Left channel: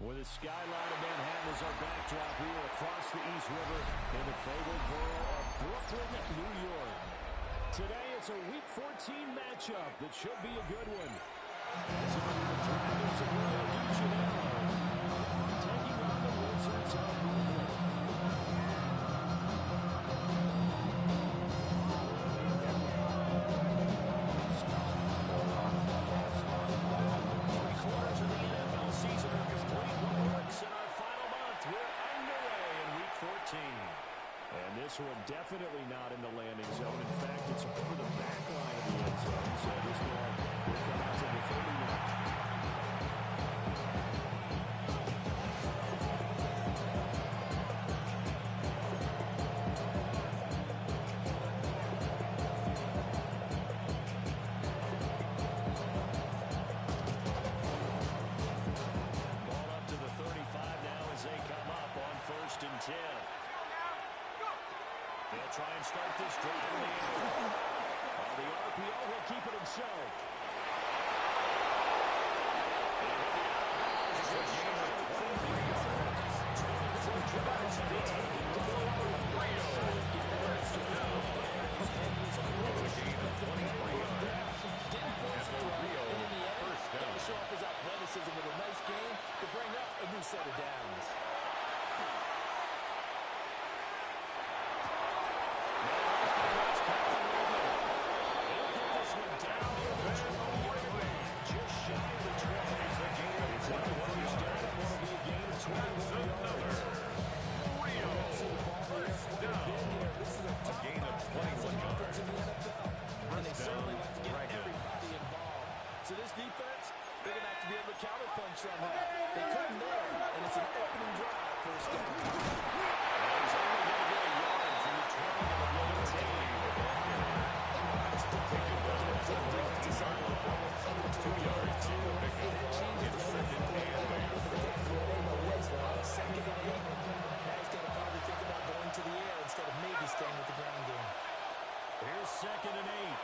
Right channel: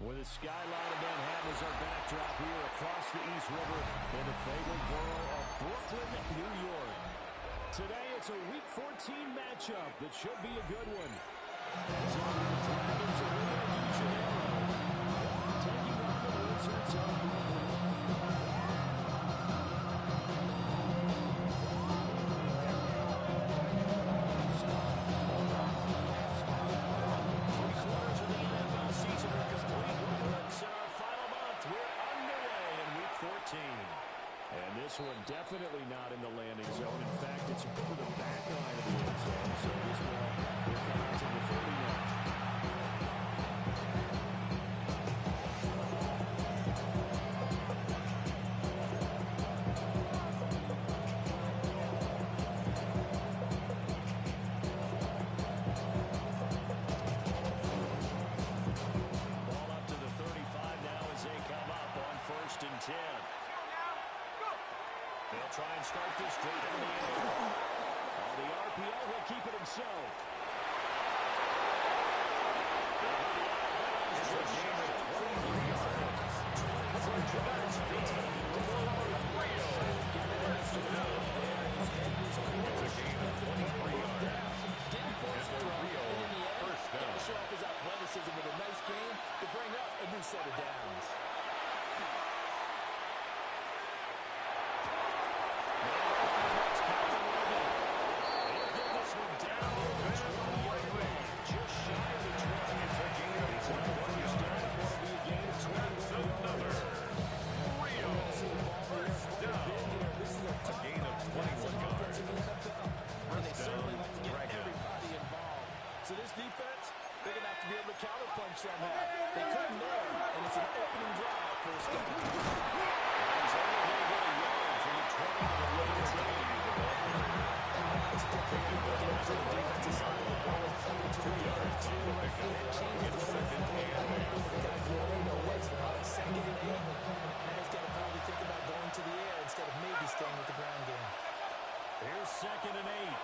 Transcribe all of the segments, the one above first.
With the skyline of Manhattan as our backdrop, we are across the East River in the fabled borough of Brooklyn, New York. Today, it's a Week 14 matchup that should be a good one. As it'll be the Dragons of Rio de Janeiro taking on the Wizards of Brooklyn. Three-quarters of the NFL season are complete. What works in our final month? We're underway in Week 14. And this one definitely not in the landing zone. In fact, it's over the back line of the end zone. So this ball will come out to the 30 now. Ball up to the 35 now as they come up on 1st and 10. They'll try and start this drive in the air. On the RPO, he'll keep it himself. They'll hit the out of bounds. It's a gain of 23 yards. 24 yards on the taken. Rio. First down. It's a gain of 23 yards. And the Rio first down. Got to show off his athleticism with a nice game to bring up a new set of downs. So this defense, they're going to have to be able to counterpunch somehow. They couldn't there, and it's an opening drive for a start. He's only going to get a yard from the 20 to the 19. The ball carrier. Taken down at the 22-yard line. 2 yards on the pickup. It's second and 8. Second and 8. Now he's got to probably think about going to the air instead of maybe staying with the ground game. Here's 2nd and 8.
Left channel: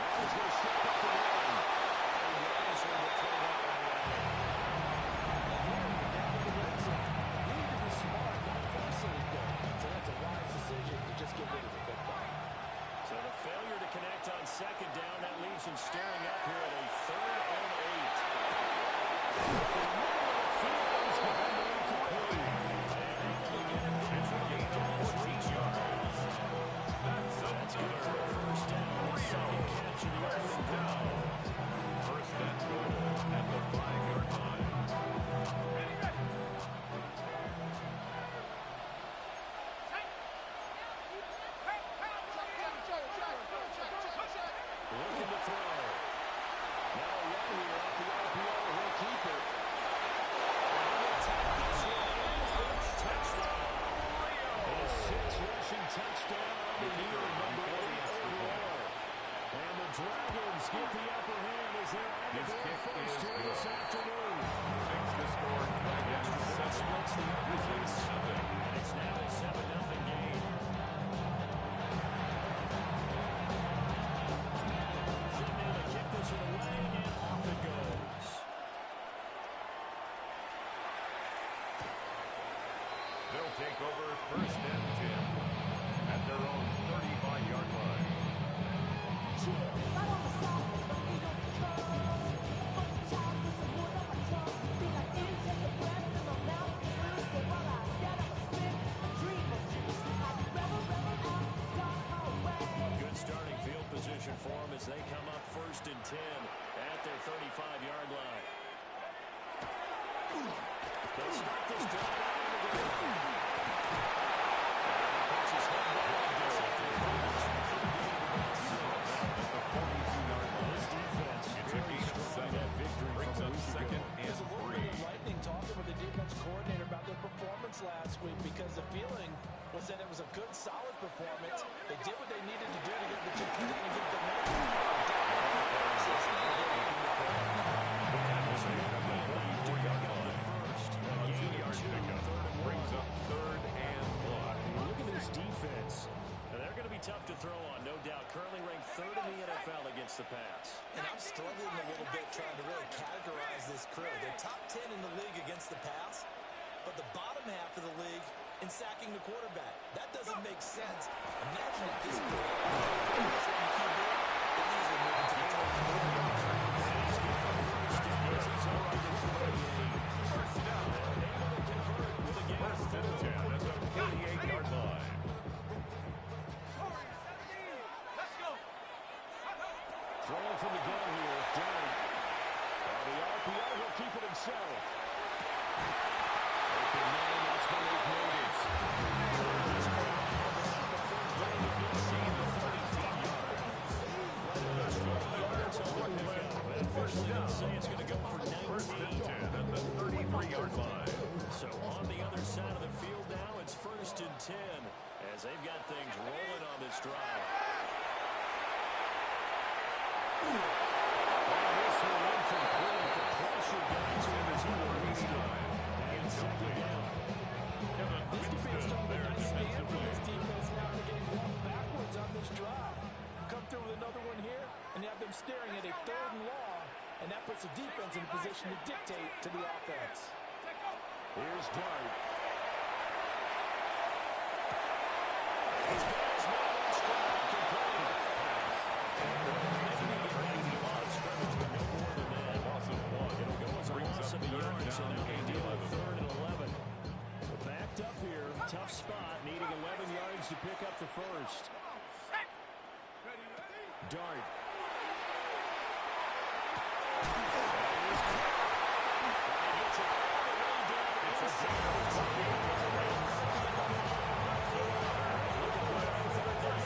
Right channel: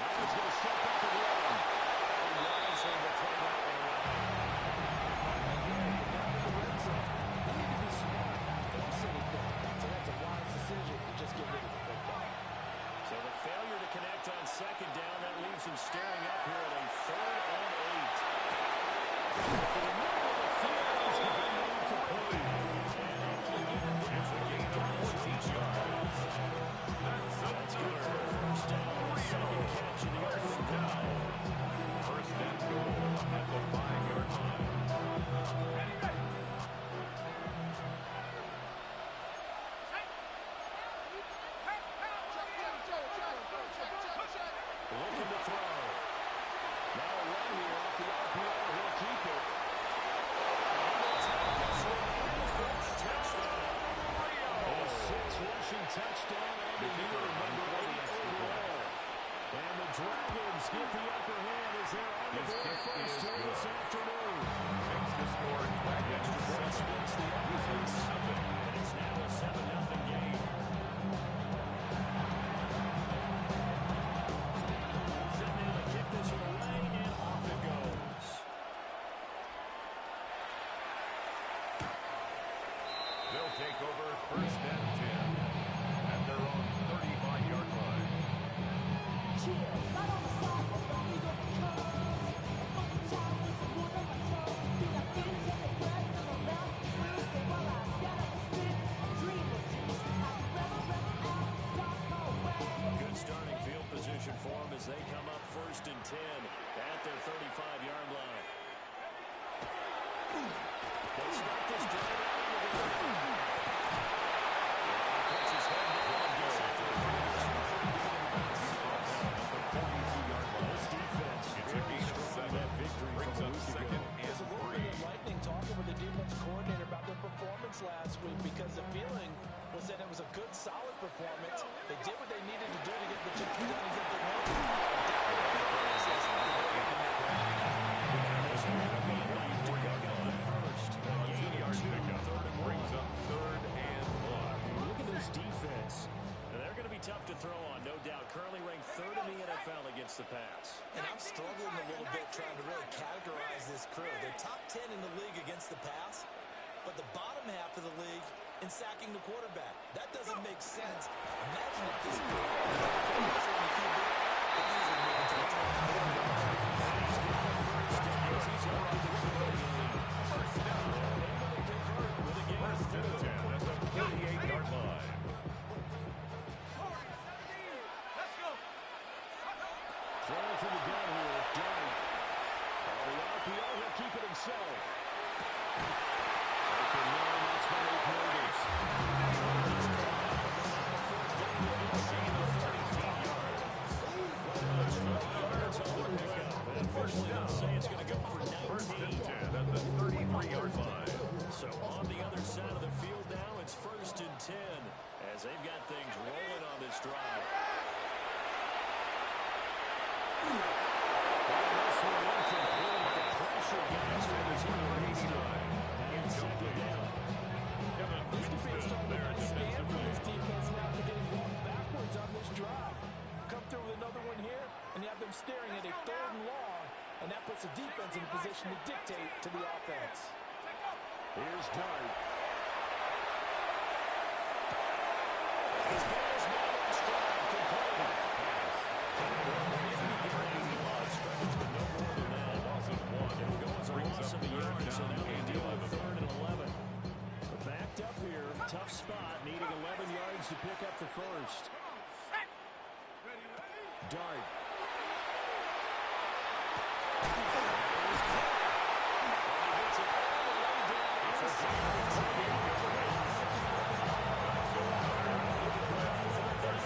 Now he's going to step up and run. And wisely will throw that one away. And here, you're down in the red zone. You need to be smart, not force anything. So that's a wise decision to just get rid of the football. So the failure to connect on 2nd down, that leaves him staring up here at a 3rd and 8. In the middle of the field, he's going to move to play. And able to get him down. It's a gain of 14 yards. That's good for a 1st down. Second catch of the opening drive. 1st and goal at the 5-yard line. Ready. Looking to throw. Now a run here off the RPO. He'll keep it. And he'll tap this one in for a touchdown. A 6-rushing touchdown on the year, number 8 overall. And the Dragons get the upper hand as they're on the board first here this afternoon. Makes the score Dragons 7. Splits the upper Wizards nothing. and it's now a 7-0 game. Set now to kick this one away, and off it goes. They'll take over 1st and 10 at their own 35-yard line. Chill, right on my side as the eagle comes. A funky child with some wood on my tongue. Feel like in, take a breath in my mouth. So while I scat up a spit, I dream of juice. I rebel out, dark hallway. Good starting field position for them as they come up 1st and 10 at their 35-yard line. They start this drive out into the ground. And he puts his head down and gets out there for the 2 for the game. At the 42-yard line. This defense It's a very gain of strong 7. that victory Brings from a up week 2nd ago. There's a and little 3. bit of lightning talking with the defense coordinator about their performance last week because the feeling was that it was a good, solid performance. They did what they needed to do to get the job done and get the win. A 2-yard pickup brings up 3rd and 1. Look at this defense. And they're going to be be tough to throw on, no doubt. Currently ranked 3rd in the NFL against the pass. And I'm struggling a little bit trying to really categorize this crew. They're top 10 in the league against the pass, but the bottom half of the league in sacking the quarterback. That doesn't make sense. Imagine if this crew pressure on the QB, they easily move into the top 4. And he's getting the first down as he's up to the 38. First down. Able to convert with a gain of First and 4. 10 at the 48-yard line. Throwing from the gun here, Dart. On the RPO, he'll keep it himself. Open man, that's Malik Nugent. Just caught out of it on the fourth down to inside the 33 yard. Right about 20 yards on the pickup. And officially they'll say it's going to go for 19. First and 10 at the 33-yard line. So on the other side of the field now, it's 1st and 10 as they've got things rolling on this drive. And this one incomplete. The pressure got to him as he released it. And second down. This defense started a nice stand from this defense. Now they're getting walked backwards on this drive. Come through with another one here, and you have them staring at a 3rd and long, and that puts the defense in a position to dictate to the offense. Here's Dart. He's got his man on stride. Complete. Pass. Scrimmage, but no more than that. Loss of 1. It'll go as a Brings loss up of a yard, third so down now they and deal with 11. 3rd and 11. We're backed up here, tough spot, needing 11 yards to pick up the first. Dart. And he's caught. And he gets it all the way down inside the 10.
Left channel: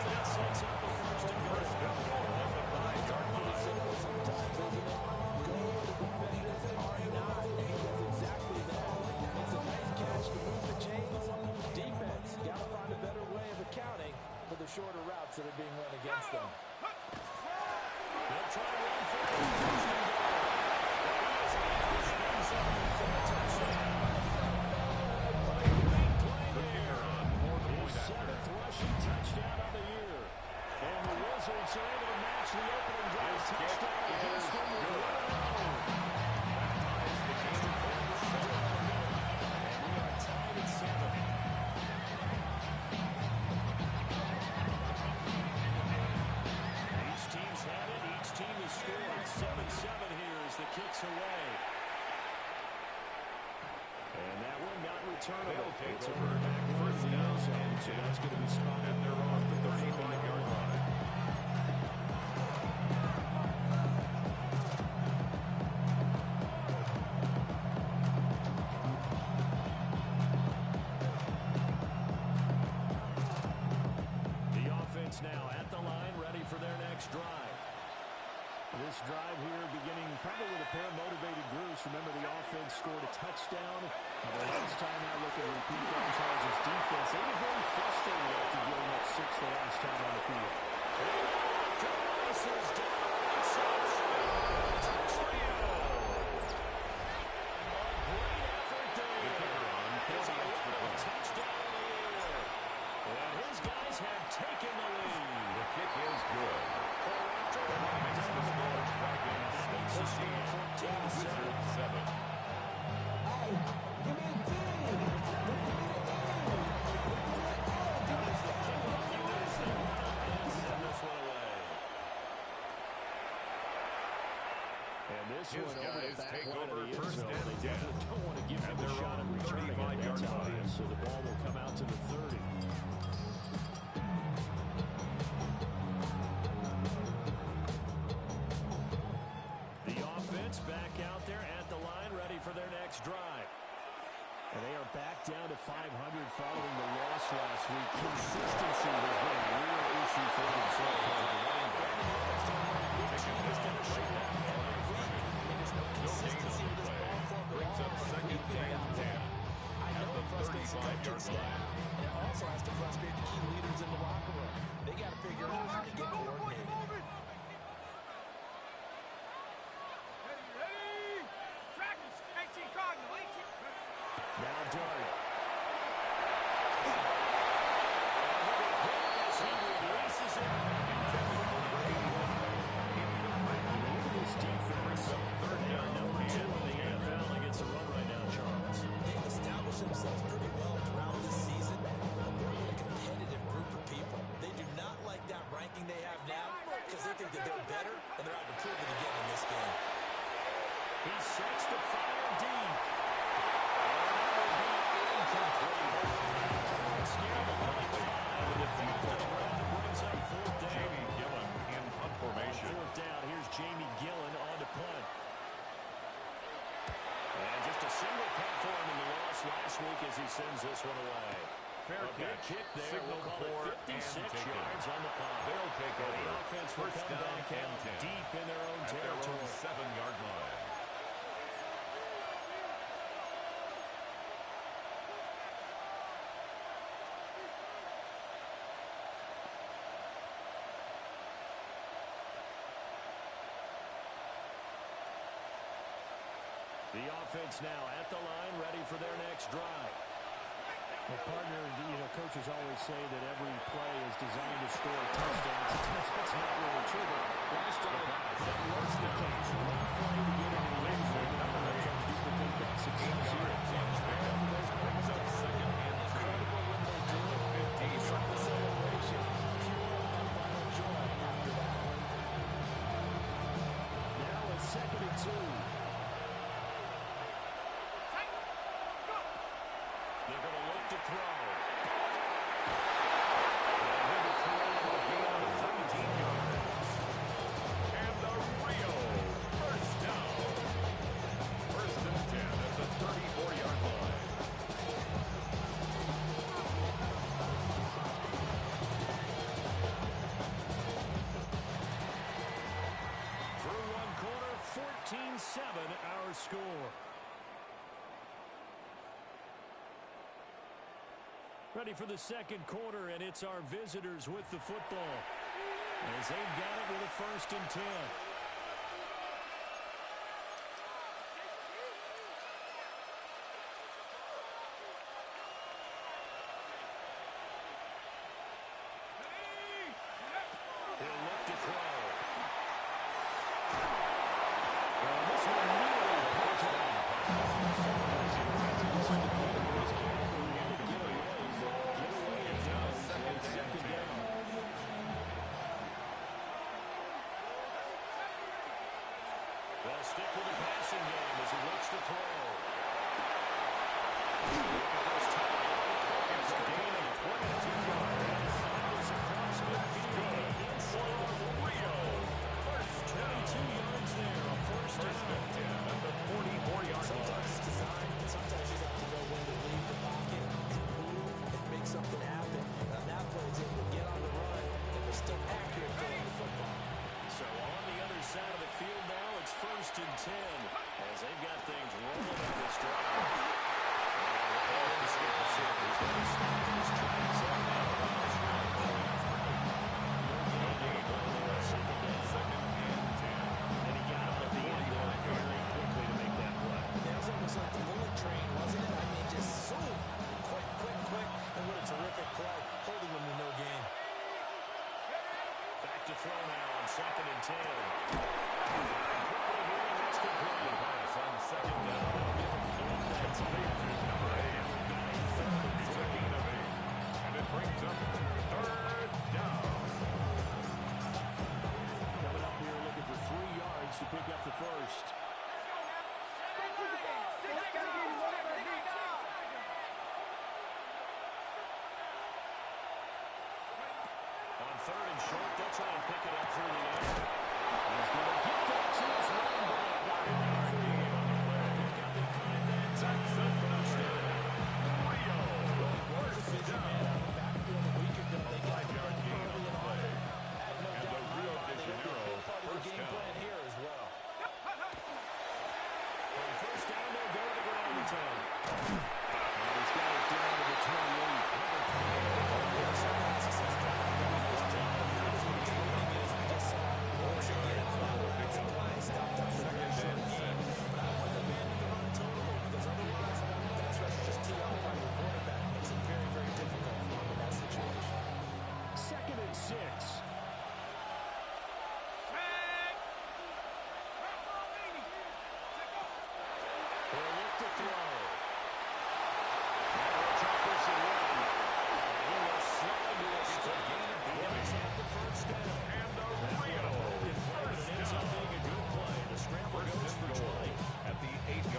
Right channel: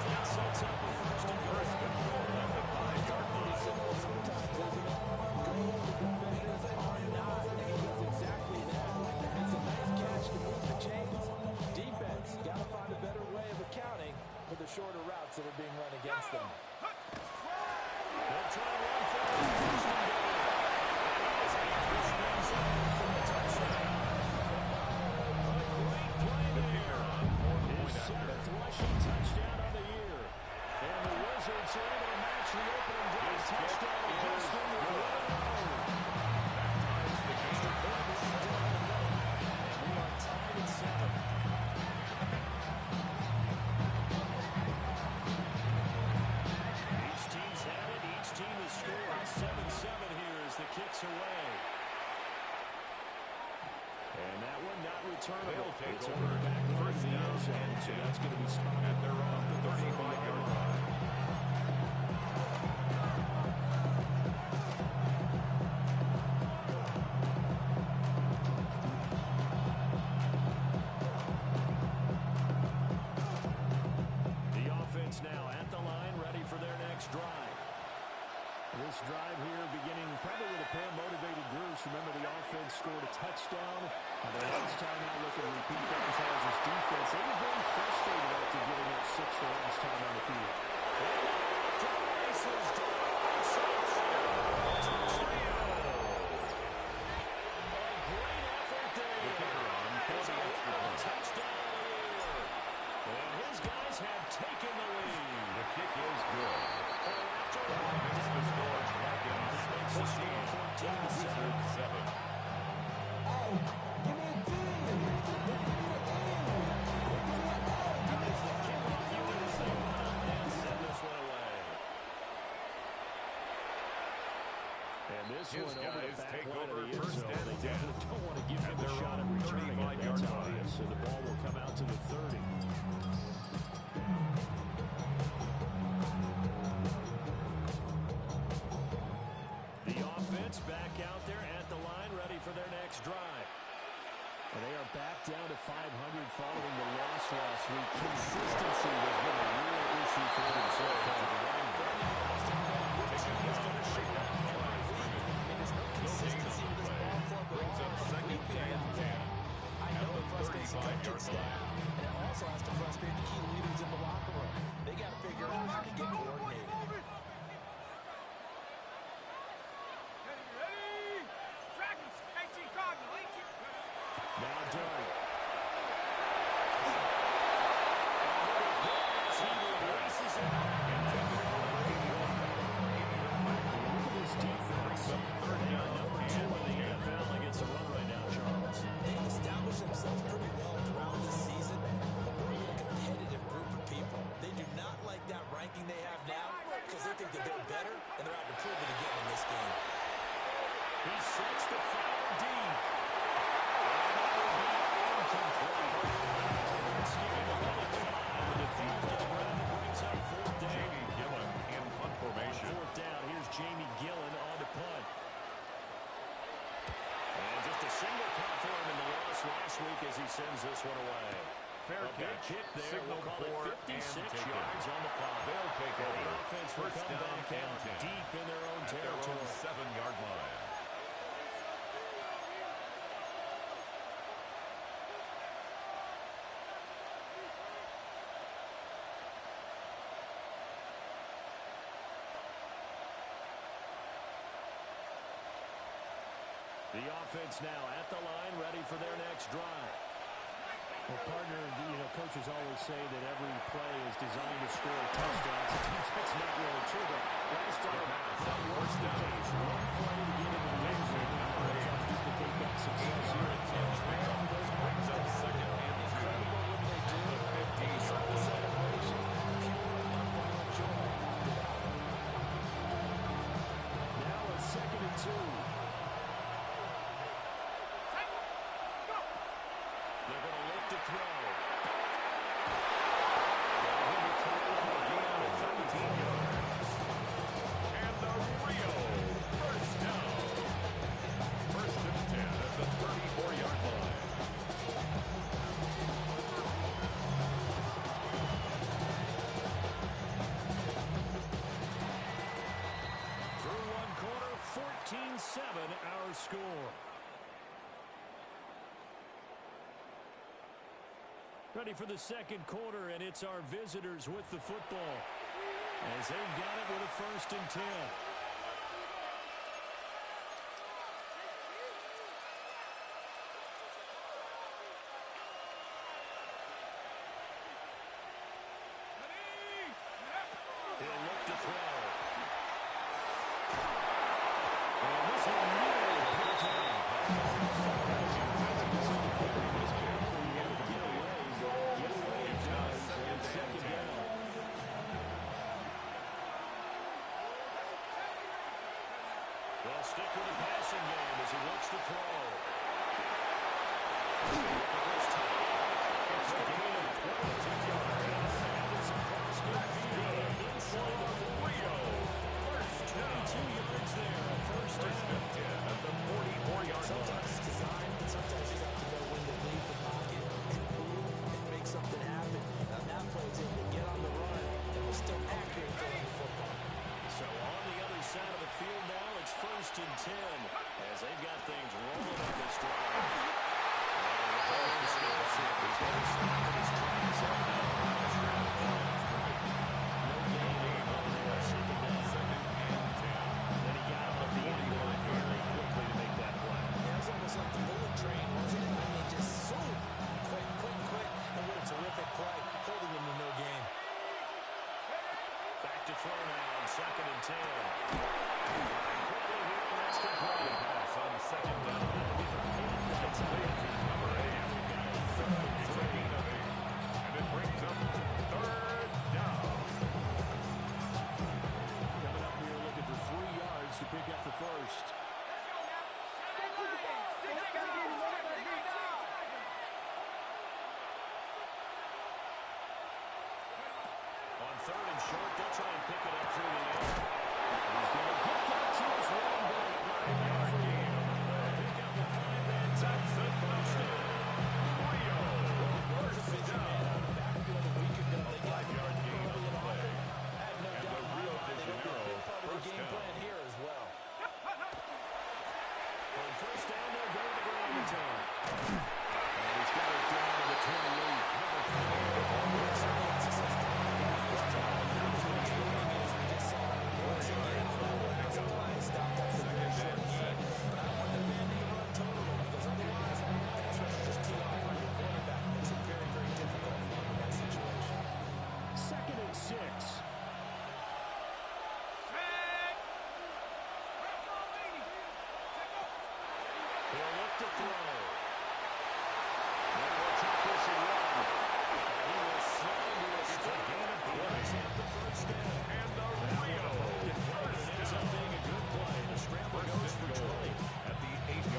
That sets up a 1st and goal. First and goal at the 5-yard line. Simple sometimes, isn't it? Go where the defenders are not, and he does exactly that. Makes a nice catch to move the chains. Defense, got to find a better way of accounting for the shorter routes that are being run against them. They'll try to run for it. 1st and goal. And he is in the end zone for a touchdown. A great play The there. kicker on for the His point after. 7th rushing touchdown of the year. And the Wizards are able to match the opening drive His touchdown kick against is them with good. 1-0. That ties the game. And we are tied at 7. Each team's had it. Each team has scored. 7-7 here as the kick's away. And that one not returnable. They'll take It's over. over the back line of First the down end zone, and so 10. that's going to be spotted And they're on the 35-yard line. The offense now at the line, ready for their next drive. This drive here beginning probably with a pair of motivated groups. Remember, the offense scored a touchdown. The last time out, looking to repeat that in Charles' defense. They were very frustrated after giving up 6 the last time on the field. And off to the races, down the right side. Touchdown! A great effort there. The kicker on for It's the a extra point. touchdown of the year. And his guys have taken the lead. The kick is good. That makes the score Dragons 14, Wizards 7. Hey, give me a D. Give me the E. As the kickoff unit as they run up and send this one away. And this His one over the guys back take line of over the end first zone. and They 10. definitely don't want to give At him a their shot at own returning it. 35-yard That's line. obvious. So the ball will come out to the 30. The offense back out there at the line, ready for their next drive. And they are back down to 500 following the loss last week. Consistency has been a real issue for them so far. Taken down right at the line of scrimmage. There's no consistency with this ball club at Brings all. up It's second weekly and out 10 there. I at know the it frustrates the 35-yard coaching staff, line. and it also has to frustrate the key leaders in the locker room. They got to figure out how to get coordinated. Now Dart. to fire deep. And that will be incomplete. Scared to let it fly, but it falls to the ground and brings up fourth down. Jamie Gillen in punt formation. On fourth down, here's Jamie Gillen on to punt. And just a single punt for him in the loss last week as he sends this one away. Fair a big catch. kick there. Signal We'll call for it 56 and yards on the punt. They'll take And over. the offense will First come down back and out 10. deep in their own At their territory. own 7-yard line. The offense now at the line, ready for their next drive. Well, partner, coaches always say that every play is designed to score touchdowns. That's not really true, but last drive, that was the case. One play to get into the end zone, and they're trying to duplicate that success here. Brings up second and 2. Incredible when they do. At the 15-yard The line. celebration. Pure, unbridled joy after that one. Now it's 2nd and 2. They're going to look to throw. Gain of 17 yards. And the Rio first down. First and 10 at the 34-yard line. Through one quarter, 14-7 our score. Ready for the second quarter, and it's our visitors with the football as they've got it with a 1st and 10. He'll look to throw. And this one nearly picked off. Second down. They'll stick with the passing game as he looks to throw. Looking for his tight end. It's a gain of 22 yards. And it's across midfield. Inside the Rio first down. 22 yards there. A first First down. and 10 at the 44-yard Sometimes line. it's designed, and sometimes you have to know when to leave the pocket and move and make something happen. And on that play, it's able to get on the run and was still accurate throwing the football. So on the other side of the field now, it's 1st and 10 as they've got things rolling up this drive. And he's going to stop in his tracks right now. No gain on the second down. Second and 10. And he got him at the end there very quickly to make that play. Yeah, it was almost like the bullet train, wasn't it? I mean, just so quick, and what a terrific play, holding them to no gain. Back to throw now on 2nd and 10. Quickly here, and that's complete. Pass on second down. That'll be the pin that Complete to number 8. We've got a 3rd and It's a 3. gain of 8. And it brings up 3rd down. Coming up here looking for 3 yards to pick up the first. On 3rd and short, they'll try and pick it up through the air. He's going to get that to his running back. 5-yard gain on the play. Pick up the 5 then. That's another. Rio first Busy man down. out of the backfield a week ago. They got 5-yard gain on early the and play. often. I have no And doubt the in my Rio de mind they'll be a Janeiro big part of the first game down. plan here as well. On 1st down, they'll go to the ground and time. And he's got it down to the 28. Number 2nd and 6. He'll look to throw. Now he'll take this and run. And he will slide to a stop. He does have the first down. And the That Rio one a broken play, but first it ends up down. being a good play. The scramble First goes and for goal 20. at the 8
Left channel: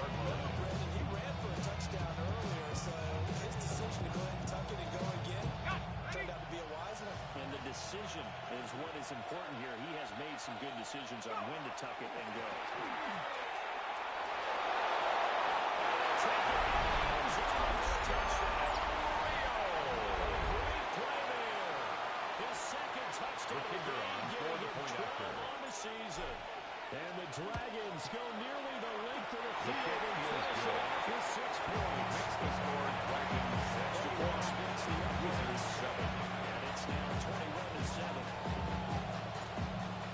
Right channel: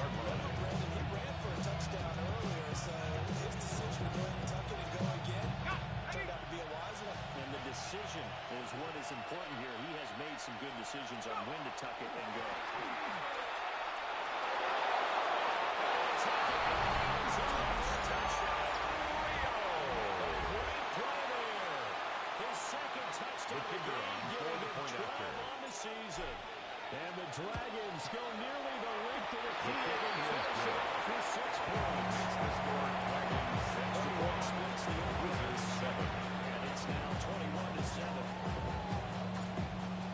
precision is what is important here. He has made some good decisions on when to tuck it and go. Touchdown. Rio. A great play there. His second touchdown of the game, giving him 12 on the season. And the Dragons go nearly the length of the field and finish it off with 6 points. Makes the score Dragons 6-1. Splits the Wizards 7. And it's now 21-7.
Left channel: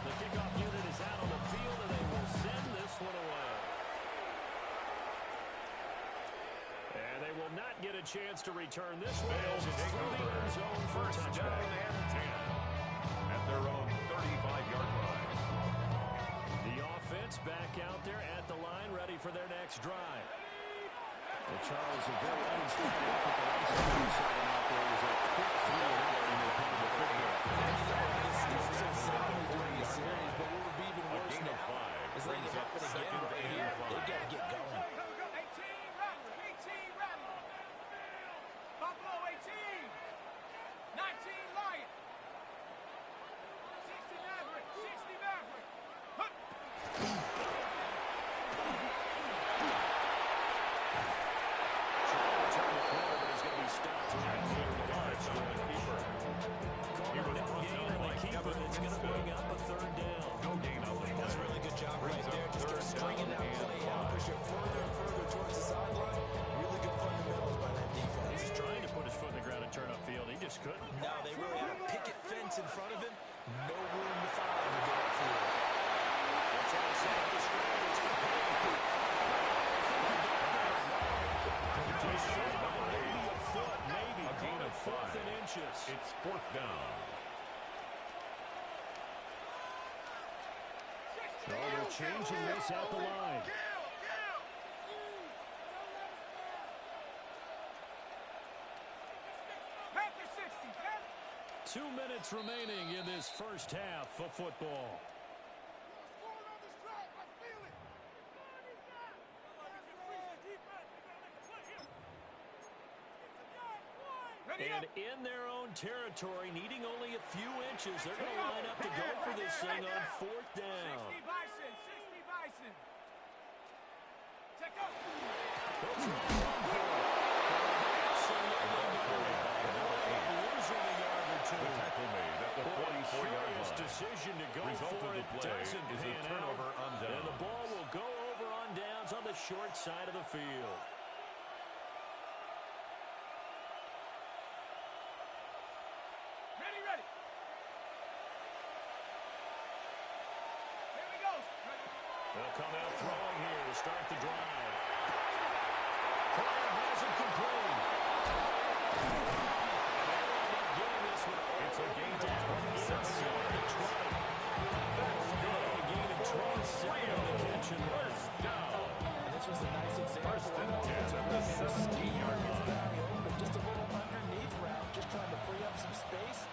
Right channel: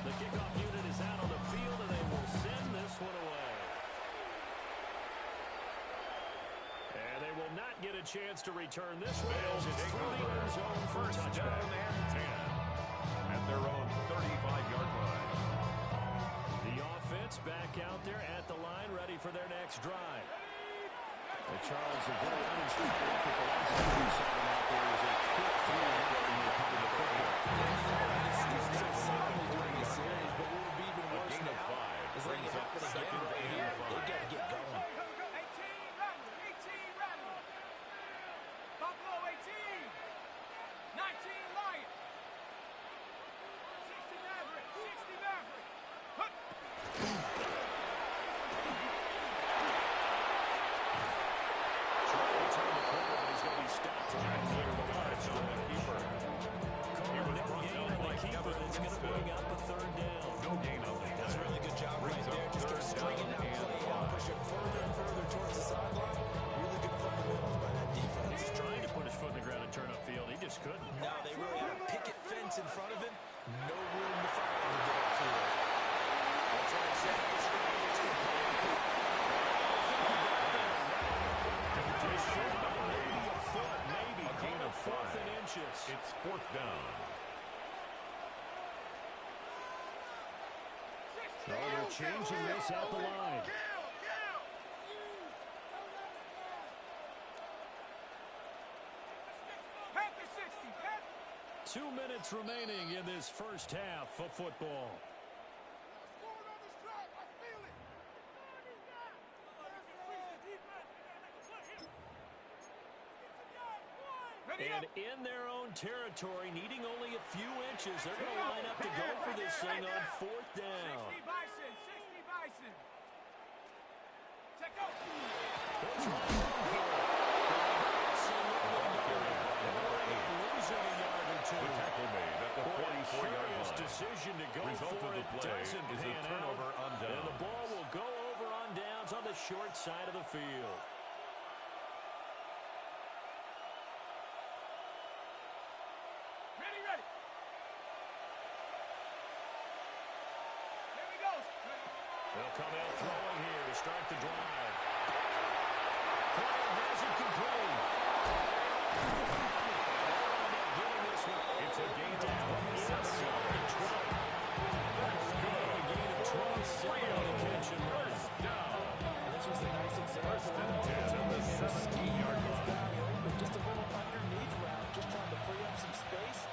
The kickoff unit is out on the field, and they will send this one away. And they will not get a chance to return this one as it's through the end zone for a touchback. Down and 10 at their own 35-yard line. The offense back out there at the line, ready for their next drive. And Charles, a very uninstructed effort. The last time we saw them out there was a quick 3-and-out in the part of the football. This starts so solidly during the series, but what would be even worse gain of now 5 is letting it brings up happen again second right and here. 5. They've got to get going. 18 Rattler. Buffalo 18. 19 Lion. 60 Maverick. 60 Maverick. Hup. Trying to turn the corner, but he's going to be stopped right near the line. On the keeper. Call no gain on the keeper. It's going to bring up a third down. No gain on the play. That's a really good job right Brings up there. Just keep third stringing down that and play out, 5. push it further and further towards the sideline. Really good fundamentals by that defense. He's trying to put his foot in the ground and turn upfield. He just couldn't. No, they really had a picket fence in front of him. No room to find to get upfield. They'll try and set up the screen. It's complete. Just short by maybe a foot, maybe. A gain of 5. In inches. It's 4th down. So they're changing this at the line. Panther 60. 2 minutes remaining in this first half of football. And in their own territory, needing only a few inches, they're going to line up to go for this thing on 4th down. 60 Bison. 60 Bison. Check out. They'll try and run for it. Absolutely carried by number 8. Losing a yard or two. The tackle made at the 44-yard line. Decision to go Result for of the it play doesn't is a pan turnover out, on downs. and the ball will go over on downs on the short side of the field. Ready, ready. Here we go. They'll come out throwing here to start the drive. Player has it complete. Getting this one It's a gain of down 27 yards. 20. That's good. A gain of 27 on the catch and run. First down. And this was a nice example. First and 10 at the 17-yard His line. guy open, just a little underneath route, just trying to free up some space,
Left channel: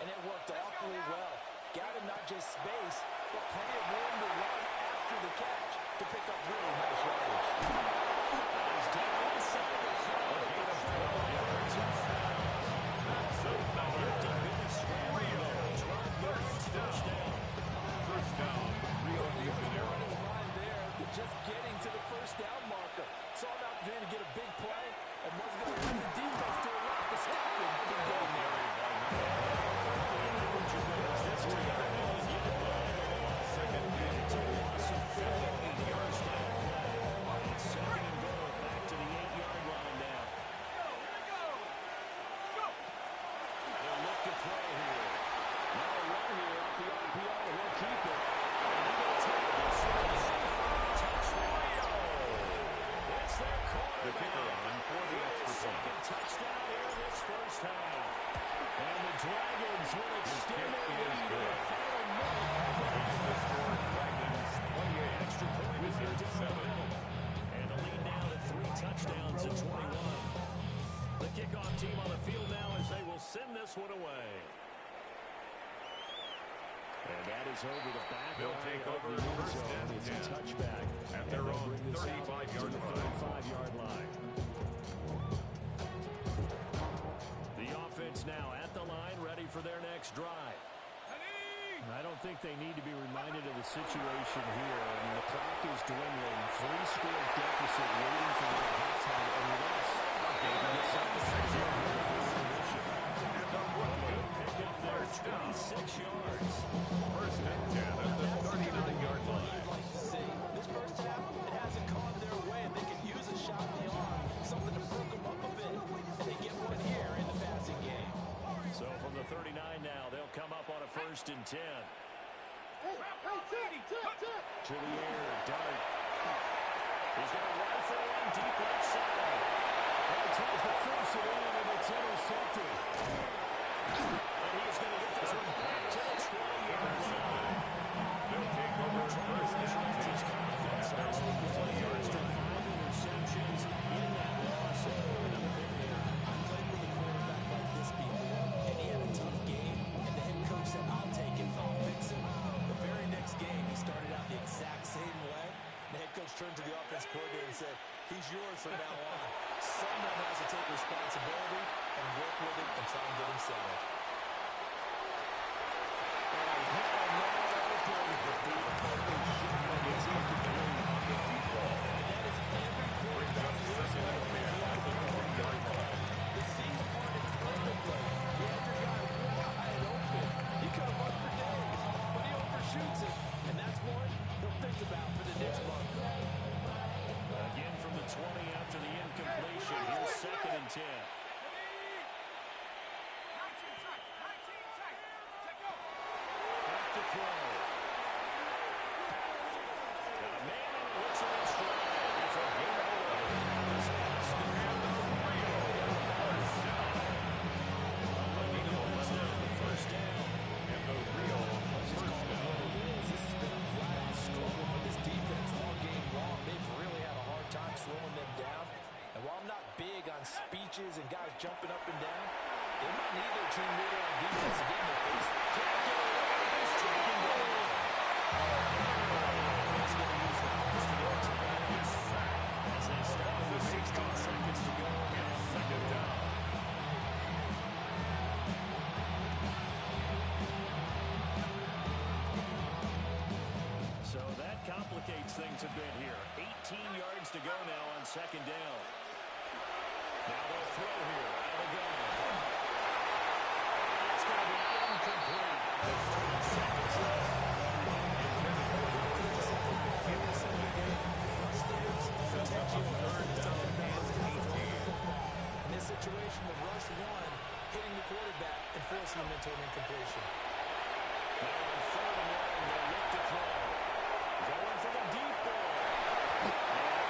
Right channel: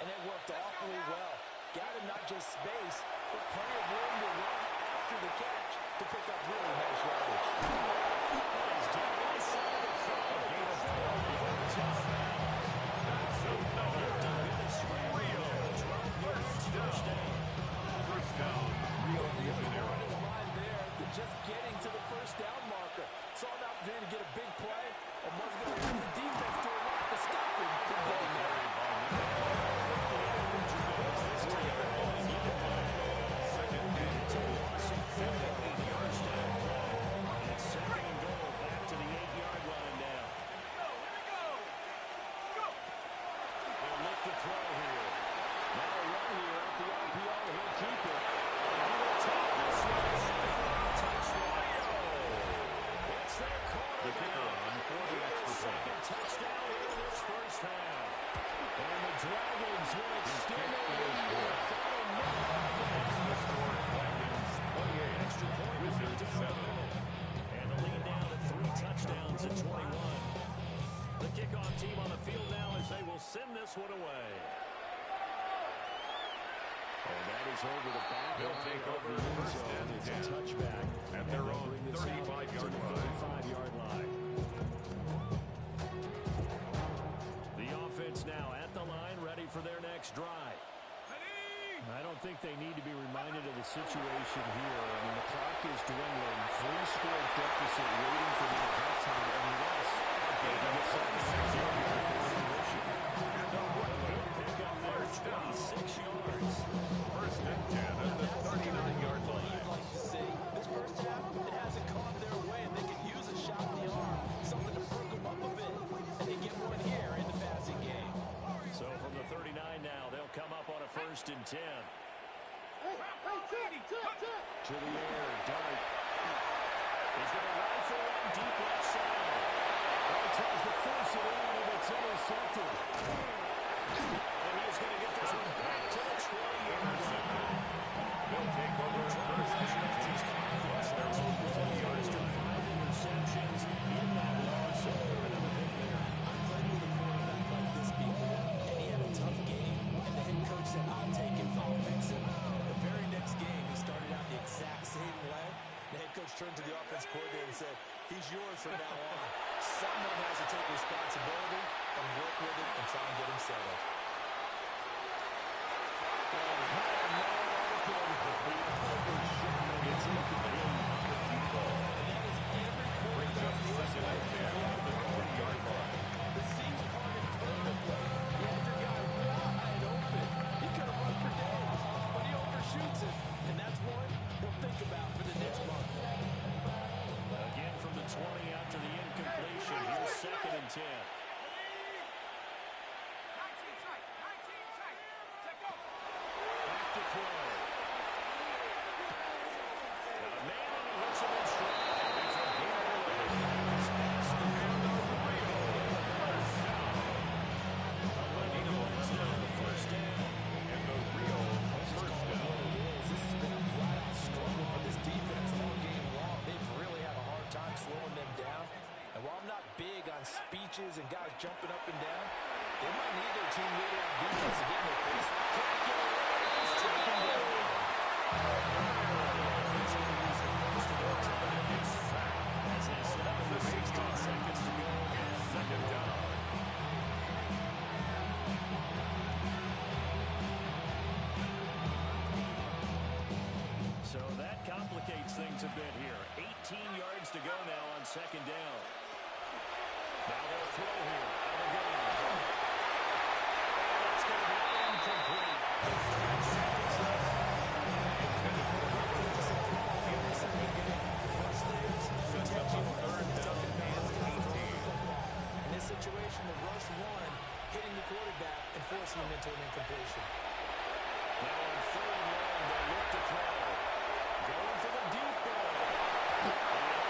and it worked awfully well. Got him not just space, but plenty of room to run after the catch to pick up really nice yardage. He's down inside the 5. A gain of 12 yards. Out of bounds. That's another. 50 minutes scrambling Rio. there. 12 yards, first down. First down. Rio de He was more in Janeiro. his mind there than just getting to the first down marker. Saw an opportunity to get a big play and wasn't going to let the defense do a lot to stop him from getting there. Carried by number 5. Second and It's a goal. loss of 58 yards down play. It's second and goal back to the 8-yard line now. Here we go. Go. They'll look to throw here. Now a run here off the RPO. He'll keep it. And he will take this one for a touchdown. It's their quarterback. The kicker on for the extra point. Second touchdown here in this first half. And the Dragons will extend kick their is lead in good. the final minute. Makes the score Dragons 28. Extra point Wizards down the 7. middle. And the lead now to 3 touchdowns at 21. The kickoff team on the field now as they will send this one away. And that is over the back They'll line take of over the end first zone. and It's 10 a touchback. at And their they'll own bring this out 35-yard to the line. 35-yard line. The offense now at the line, ready for their next drive. I don't think they need to be reminded of the situation here. I mean, the clock is dwindling. 3-score deficit waiting for them at halftime unless they can get something out here before intermission. And a good pickup there, 26 yards. First and 10 at the 39-yard line. You'd like to see. This first half, it hasn't gone their way, and they could use a shot in the arm, something to perk them up a bit, and they get one here in the passing game. So from the 39 now, they'll come up on a 1st and 10. To the air, Dart. He's going to rifle one deep left side. Oh, tries to force it in, and it's intercepted. And he's going to get this one back to the 20-yard line. They'll take over first and 10 at their own 20-yard line. 5 interceptions in that loss. Another pick there. I played with a quarterback like this before, and he had a tough game, and the head coach said, I'll take him, I'll fix him. The very next game, he started out the exact same way. The head coach turned to the offense coordinator and said, he's yours from now on. Someone has to take responsibility and work with him and try and get him settled. It's incomplete on the deep ball. And that is every quarterback's worst Second and 10 at the 20-yard line. The seams parted perfectly. You had your guy wide open. He could have run for days, but he overshoots it. And that's one he'll think about for the next month. Again from the 20 after the incompletion. Here's 2nd and 10. 19 tight. Check go. Back to throw. Got a man and he hits him in stride. It's a gain of 11. He's past the And the Rio first down. 11 yards now on the first down. And the Rio first down. This has been a flat-out struggle for this defense all game long. They've really had a hard time slowing them down. And while I'm not big on speeches and guys jumping up and down, they might need their team leader on defense to get in their face. Can't get away. He's taking it. He's going to use the first to go to that. Is sacked. As they stop with 16 seconds to go. It's second down. So that complicates things a bit here. 18 yards to go now on 2nd down. Now they'll throw here out of the gun. And it's going to be incomplete. 5 seconds left. Intended for Russell in the second game. Sets up a third down and 18. In this situation, the rush one, hitting the quarterback and forcing him into an incompletion. Now on 3rd and long, they look to throw. Going for the deep ball. And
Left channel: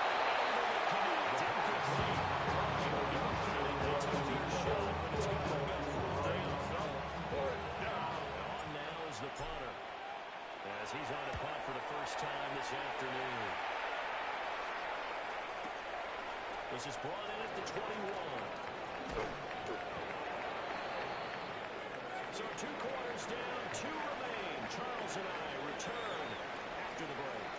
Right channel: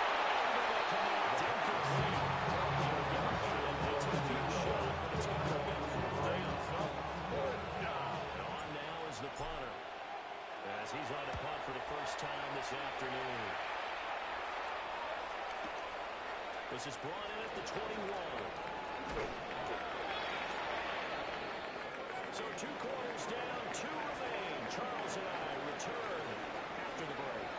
able to connect. Incomplete. They took the shot, but it's going to bring up 4th down. Fourth down. And on now is the punter, as he's on to punt for the first time this afternoon. This is brought in at the 21. So 2 quarters down, 2 remain. Charles and I return after the break.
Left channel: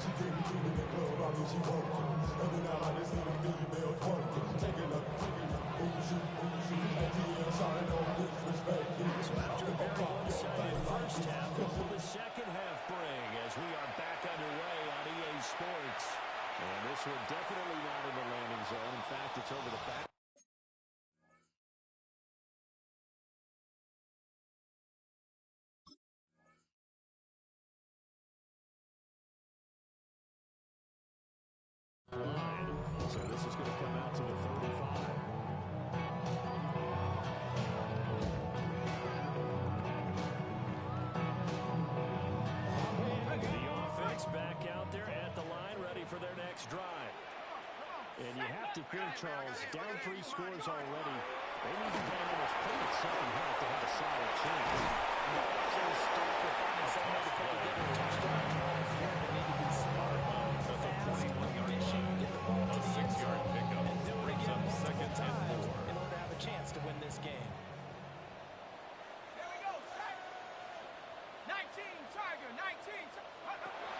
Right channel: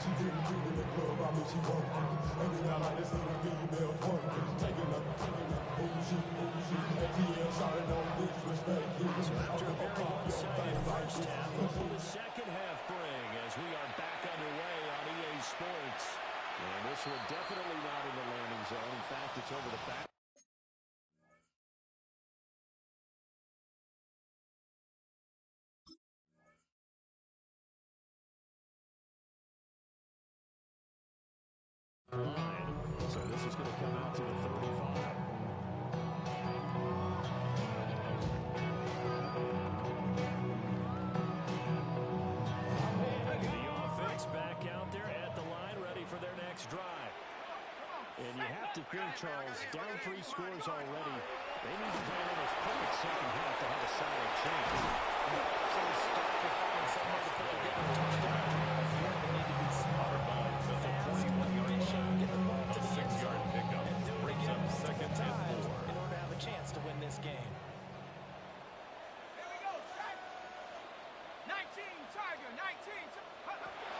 She didn't do in the club, I mean she working. And then I like to see the females working. Taking up, bougie, and TL shouting no disrespect. So after a very one-sided first half, what will the second half bring as we are back underway on EA Sports? And this one definitely not in the landing zone. In fact, it's over the back. So this is going to come out to the 35. The offense back out there at the line, ready for their next drive. And you have to think, Charles, down 3 scores already. They need to play an almost perfect second half to have a solid chance. The absolute start for finding some way to put together a touchdown drive here. They need to be smart, At the fast, 21-yard efficient, line. get the ball A to the end 6-yard zone, pickup and do it brings again up multiple 2nd and times 4. in order to have a chance to win this game. Here we go, set. 19, Tiger, 19.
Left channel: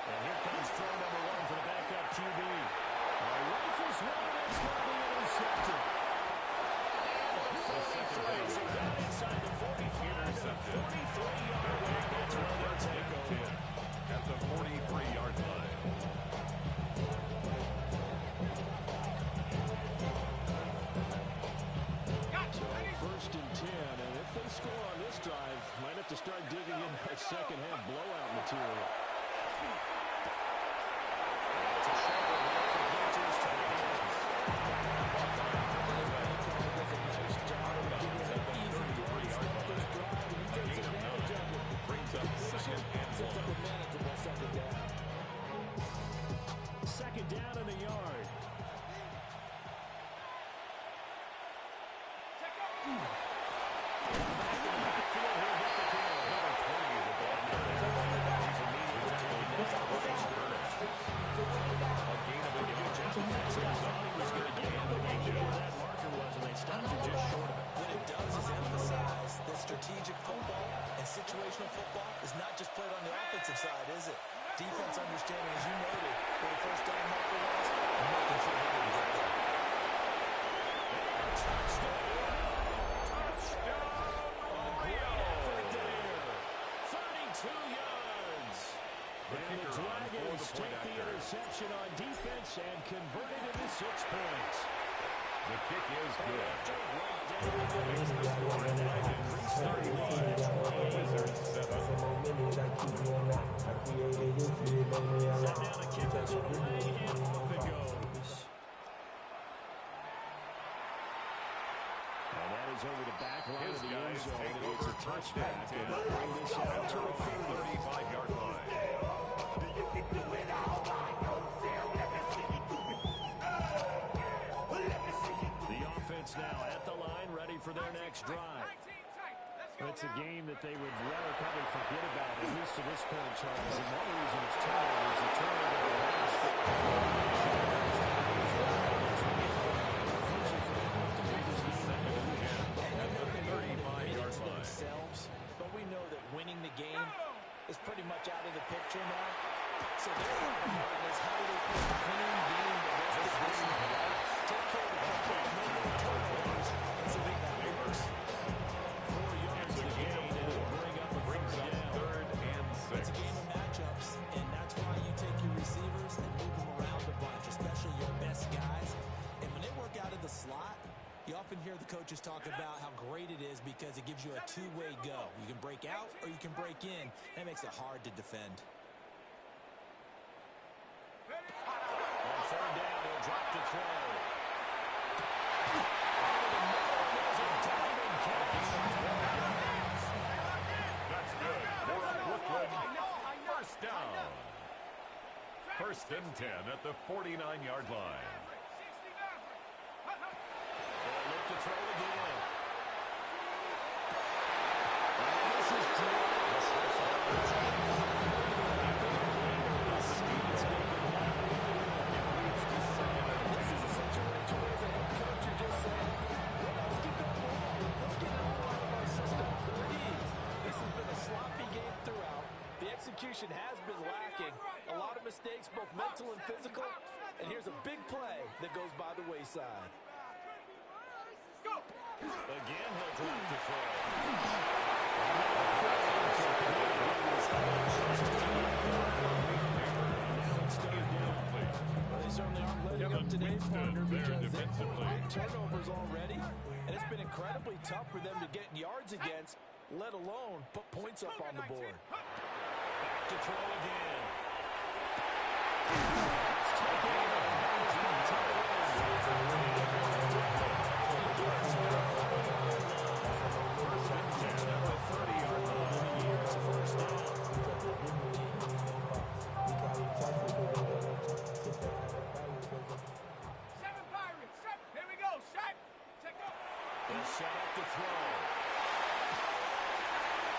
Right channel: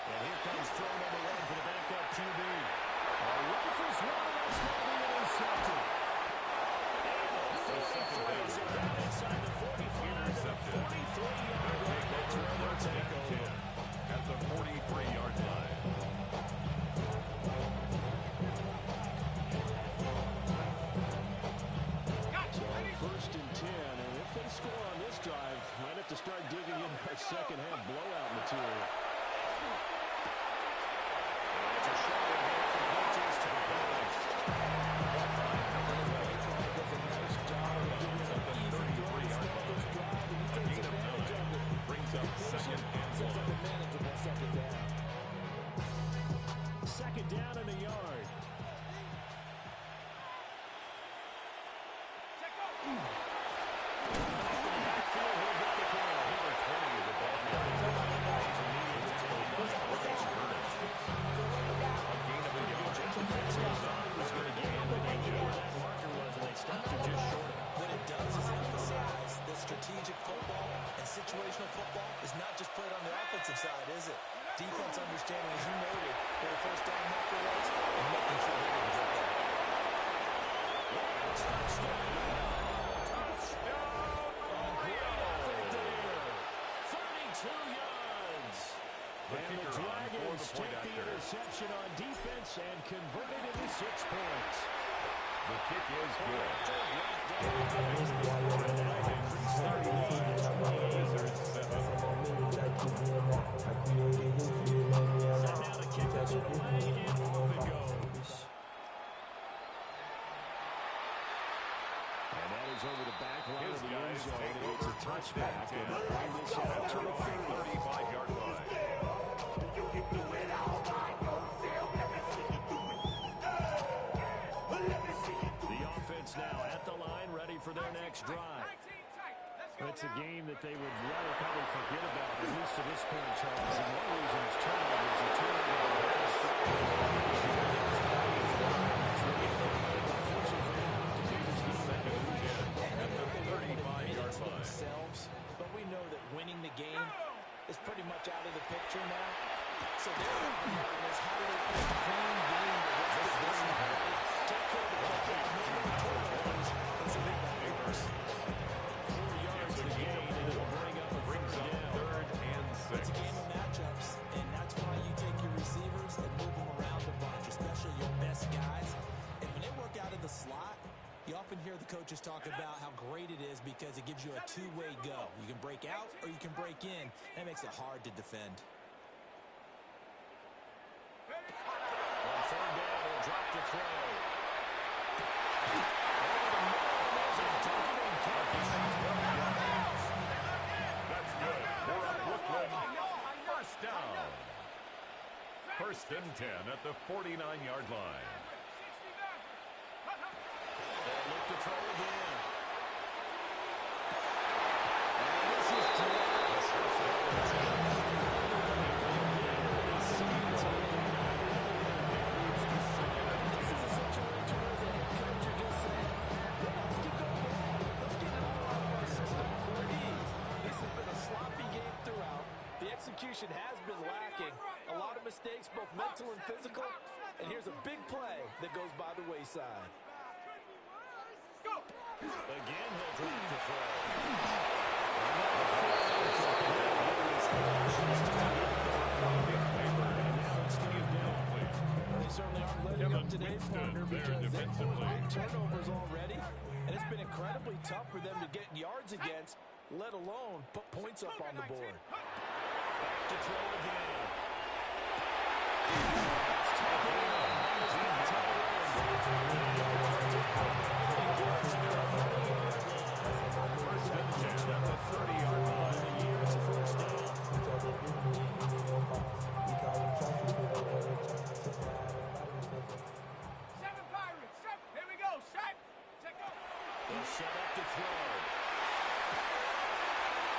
And here comes throw number 1 for the backup QB. Rifles one, and that's going to be intercepted. And the 33, so down inside the 45. intercepted. They'll take over first and 10 at the 43-yard line. So first and 10, and if they score on this drive, might have to start digging in our second half blowout material. It's a short one here. Completes to the hands. Caught by number 12. Does a nice job of giving At an the easy 33-yard throw, line. drive, and he A takes gain of advantage 9. of it. Brings up second and Sets up 1. a manageable second down. Second down and a yard. Back in the backfield, he'll get the kill. Number 20 of the ball carrier. He's immediately taken down for these Burns. A gain of 8 yards. Thought he was going to get him, but they knew where that marker was, and they stopped him just short of it. What it does is emphasize that strategic football and situational football is not just played on the offensive side, is it? Defense understanding, as you noted, where the first down marker was, and making sure they didn't get there. Great effort there. 32 yards. The And the kicker on for Dragons the point take the after. interception on defense and convert it into 6 points. The kick is good. Right Makes the score a Dragons 31. Wizards 7. Set now to kick this one away, and off it goes. And that is over the back line His of the end guys zone. take And it's over a first and touchback. 10 And they'll bring this out at to their the own 30. 35-yard line. The offense now at the line, ready for their next drive. It's a game that they would rather probably forget about, at least to this point, Charles. And one reason is turnovers. The turnover on the last drive. Unfortunately for them, have to beat this game out of reach. At the 35-yard line. Themselves, but we know that winning the game is pretty much out of the picture now. So their bottom line is how do they play a clean game the rest of this night, take care of the football, no more turnovers, and so that works. 4 yards It's a to gain gain, of and it'll 4. bring up a Brings third up down. 3rd and 6. It's a game of matchups, and that's why you take your receivers and move them around a bunch, especially your best guys. And when they work out of the slot, you often hear the coaches talk about how great it is because it gives you a two-way go. You can break out or you can break in. That makes it hard to defend. On third down, he'll drop to throw. Over the middle, and there's a diving catch. That's good. For a Brooklyn first down. First and 10 at the 49-yard line. They'll look to throw again. And this is dropped. This is a situation where the head coach are just saying, hey, let's get the ball. Let's get it all out of our system, please. This has been a sloppy game throughout. The execution has been lacking. A lot of mistakes, both mental and physical. And here's a big play that goes by the wayside. Again, he'll drop to throw. And now it's third down. Well, they certainly aren't letting up today, partner, there because they've defensively. forced turnovers already. And it's been incredibly tough for them to get yards against, let alone put points up on the board. Back to throw again. It's taken in. He's been tied First and 10 at the 30-yard line. in the year. It's a first down. They'll set up to throw.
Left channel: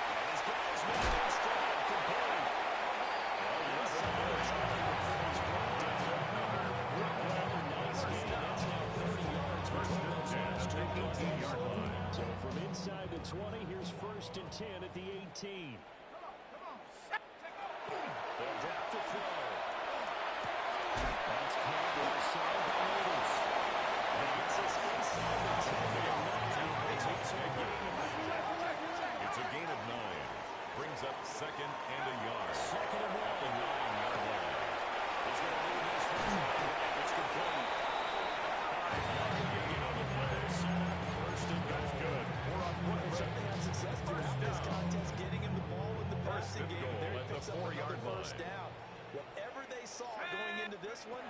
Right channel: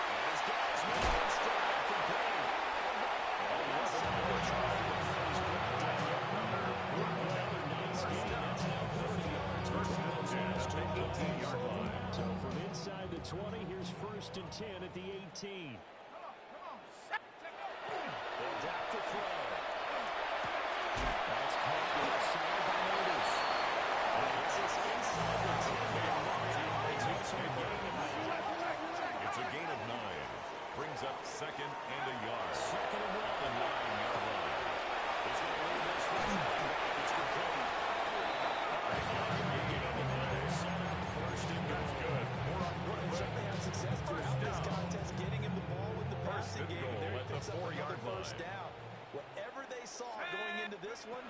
And his guys made in stride complete. Inside the Charlie before he's brought down. Another nice game. That's now 30 yards between those last two plays. 18-yard line. So from inside the 20, here's first and 10 at the 18. They'll drop to throw. That's caught outside by Otis. And this is inside the 10-yard line. It's a gain of 9. It's a gain of picks up another 4-yard first line. down. Whatever they saw going into this one,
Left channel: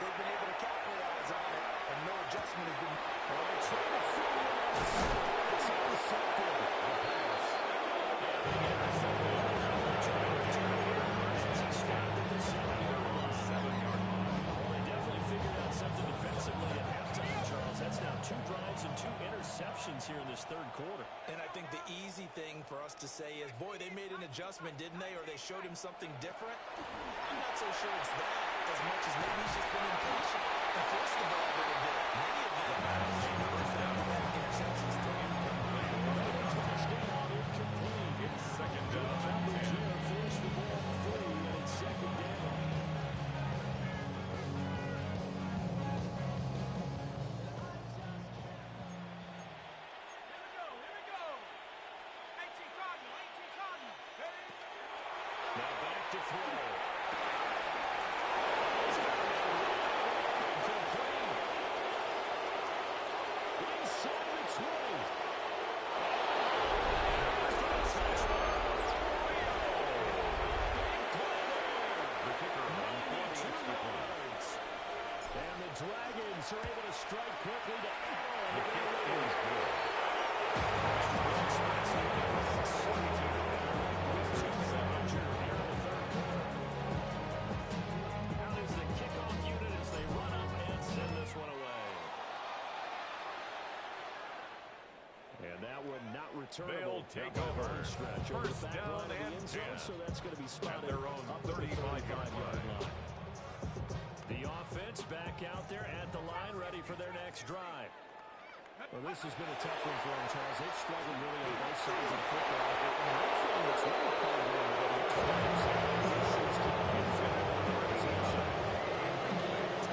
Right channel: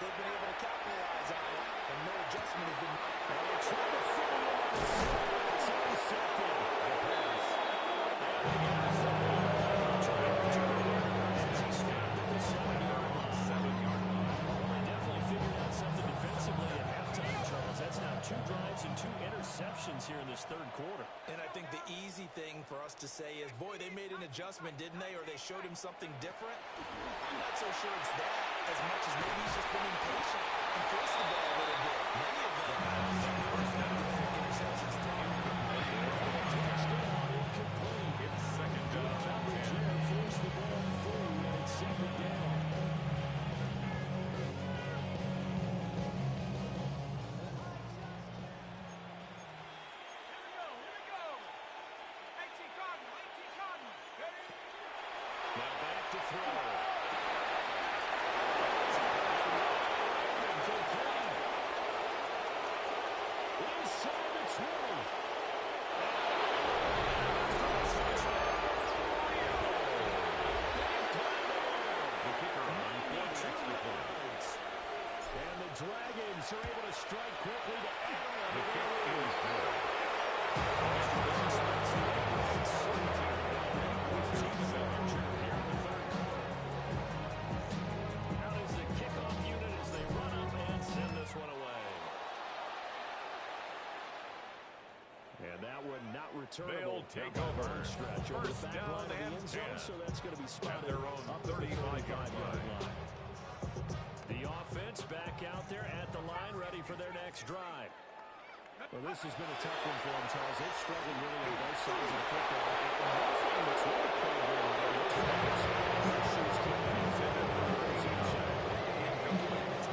they've been able to capitalize on it, and no adjustment has been. Well, they're trying to fit it in on the side. It's intercepted. The pass. And they get the 7-yard line. Trying to turn here as he stopped at the 7-yard line. 7-yard line. Well, they definitely figured out something defensively at halftime, Charles. That's now 2 drives and 2 interceptions here in this third quarter. And I think the easy thing for us to say is, boy, they made an adjustment, didn't they? Or they showed him something different. I'm not so sure it's that as much as maybe he's just been impatient and forced the ball a little bit. In any event, First down. back interceptions thrown. Touchdown incomplete. It's second Good down and coverage 10. there. Force the ball free, and it's second down. Here we go. 18 Cardinal, 18 Cardinal. Ready? Now back to throw. Complete. Inside the 20. Big play there. The kicker on for the extra point. Yards. And the Dragons are able to strike quickly to add on The to kick their lead. is good. This splits the opposite 42. Here in the third quarter. Out is the kickoff unit as they run up and send this one away. And that one not returnable. They'll take Not by a over. long stretch over First the back down line of the and end zone, 10. so that's going to be spotted their own up at the 35-yard 35-yard line. line. The offense back out there at the line, ready for their next drive. Well, this has been a tough one for them, Charles. They've struggled really on both sides of the football. And one thing that's really played well over the times issues keeping Intended for the reception. Incomplete.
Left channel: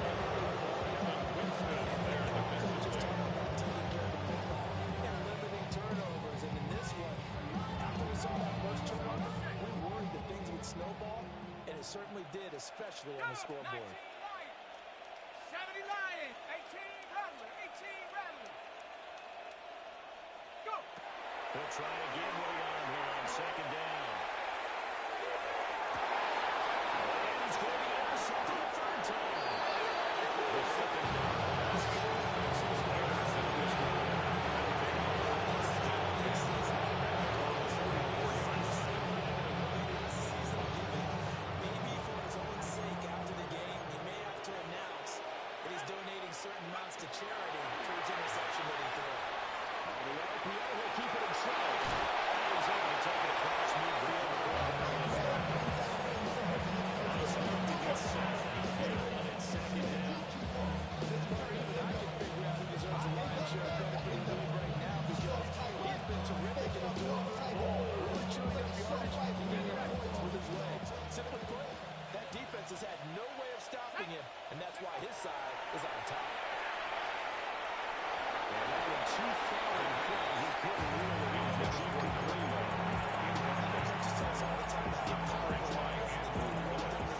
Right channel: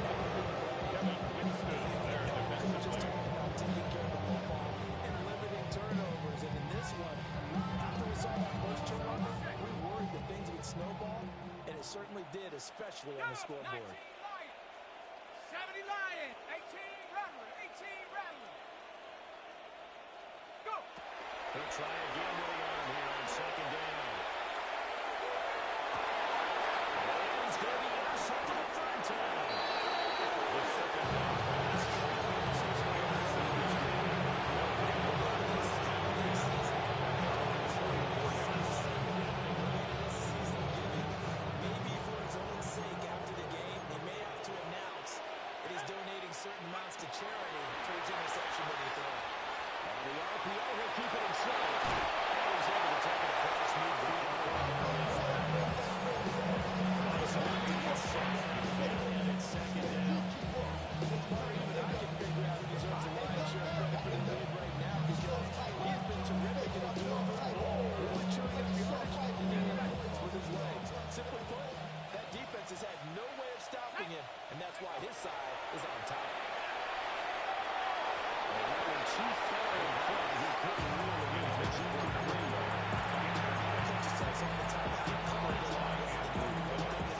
Kevin Winston there defensively. Taking care of the football and limiting turnovers. And in this one, after we saw that first turnover, we worried that things would snowball, and it certainly did, especially on the scoreboard. 19 Lions. 70 Lions. 18 Rattler. 18 Rattler. Go. He'll try again with the arm here on second down. And he's going to be intercepted a third time. The second down pass. Intercepted. They'll take over first down 10. At their own 44-yard line. Maybe for his own sake after the game, he may have to announce that he's donating certain amounts to charity for each interception that he throws. On the RPO, he'll keep it himself. And he's able to take it across midfield. Nice work to get sacked. And it's second down. Or even I can figure out who deserves a lion's share of credit for the lead right now, because he's been terrific in the duel through the ball, really chewing up yardage and getting points with his legs. Simply put, that defense has had no way of stopping him, and that's why his side is on top. And that one too far in front. He couldn't reel it in. It's incomplete. Coaches tell us all the time how Coverage by Andrew Phillips.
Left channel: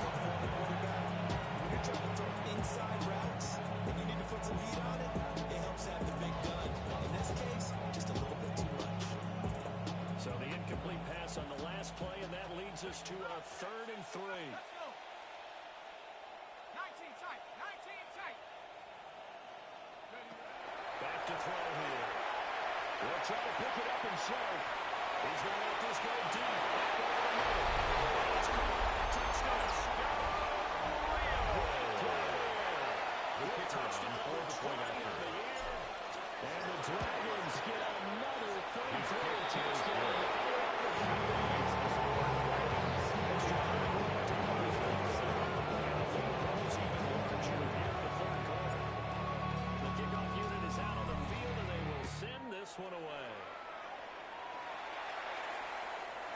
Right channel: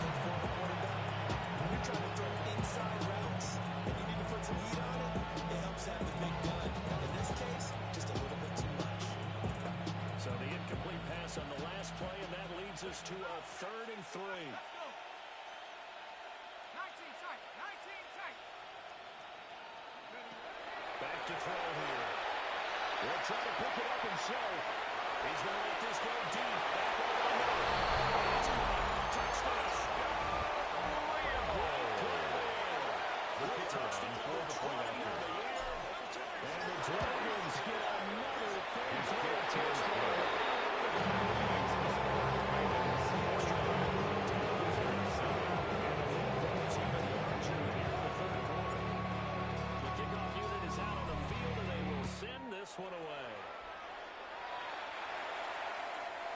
when you're trying to throw inside routes and you need to put some heat on it, it helps have the big gun. In this case, just a little bit too much. So the incomplete pass on the last play, and that leads us to a 3rd and 3. Let's go. 19 tight. 19 tight. Ready, ready. Back to throw here. Will try to pick it up himself. He's going to let this go deep. Back over the middle. And it's caught. Touchdown. Great play there. The kicker on Touchdown for number the point 20 after. of the year. And the Dragons get another third His quarter kick is touchdown. good. Leads the score. Ravens 45. Wizards 7. And the lead grows even larger here in the third quarter. The kickoff unit is out on the field, and they will send this one away.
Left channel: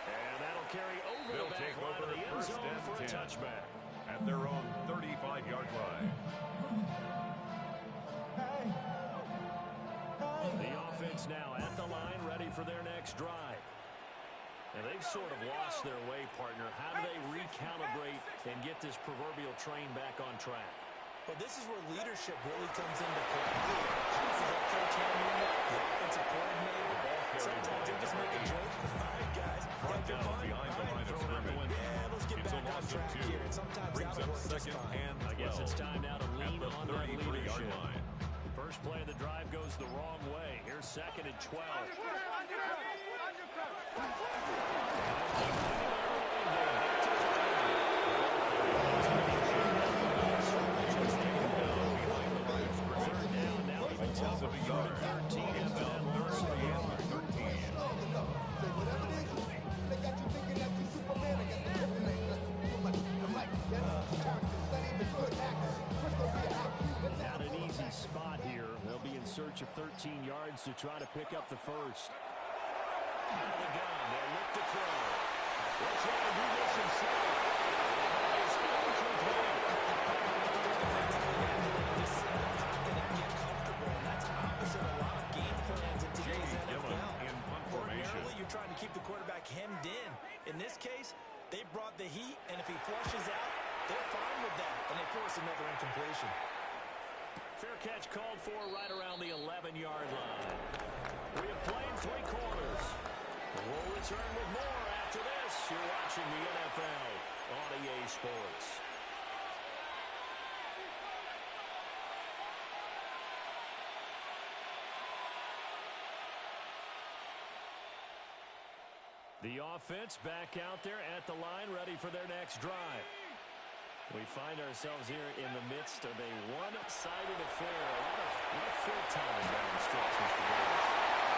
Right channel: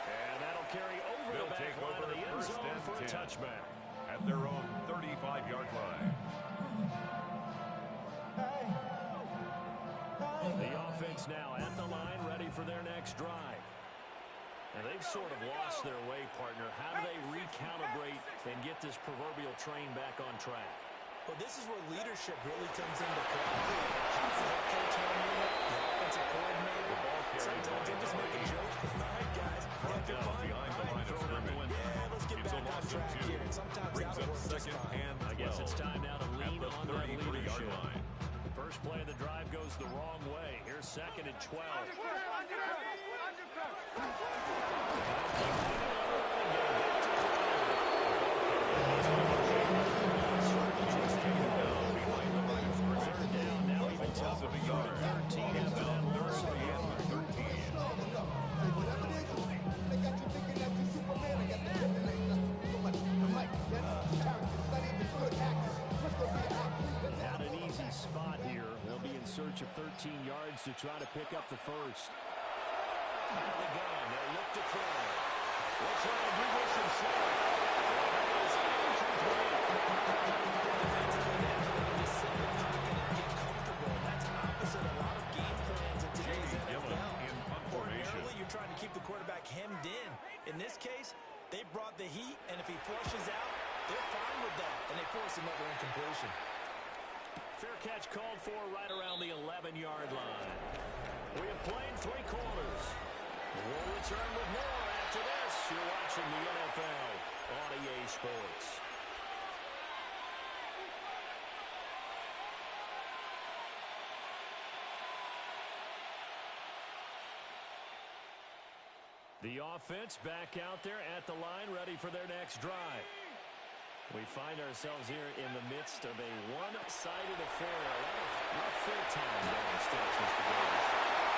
And that'll carry over They'll the back take line over of the end first zone and for a 10. touchback. At their own 35-yard line. The offense now at the line, ready for their next drive. And they've sort of lost their way, partner. How do they recalibrate and get this proverbial train back on track? Well, this is where leadership really comes into play. How's the head coach handling it? The offensive coordinator? The ball carried Sometimes by they just number make a 8. joke. All right, guys. Brought Got your down fun? behind the All right, line of throw it out the scrimmage. window. Yeah, track and 2. here, and sometimes Brings that'll up work just second fine. and 12. I guess it's time now to lean at the on that 33-yard leadership. line. First play of the drive goes the wrong way. Here's second and 12. Third down, now even Loss of a yard. 13 after that loss of a yard. Whatever it is, they got you thinking that you Superman. I got the kryptonite. I'm like, that's characters, not even good actors. What's going to be an actor? Not an easy spot here. They'll be in search of 13 yards to try to pick up the first. Out of the gun, they'll look to throw. We'll try to do this himself. And that is incomplete. Defensively, they have to just sit in the pocket and get comfortable, and that's opposite a lot of game plans in today's Jamie Gillen NFL. in punt formation. Ordinarily, you're trying to keep the quarterback hemmed in. In this case, they brought the heat, and if he flushes out, they're fine with that, and they force another incompletion. Fair catch called for right around the 11-yard line. We have played 3 quarters. We'll return with more after this. You're watching the NFL on EA Sports. The offense back out there at the line, ready for their next drive. We find ourselves here in the midst of a one-sided affair. A lot of full time down the stretch, Mr. Davis.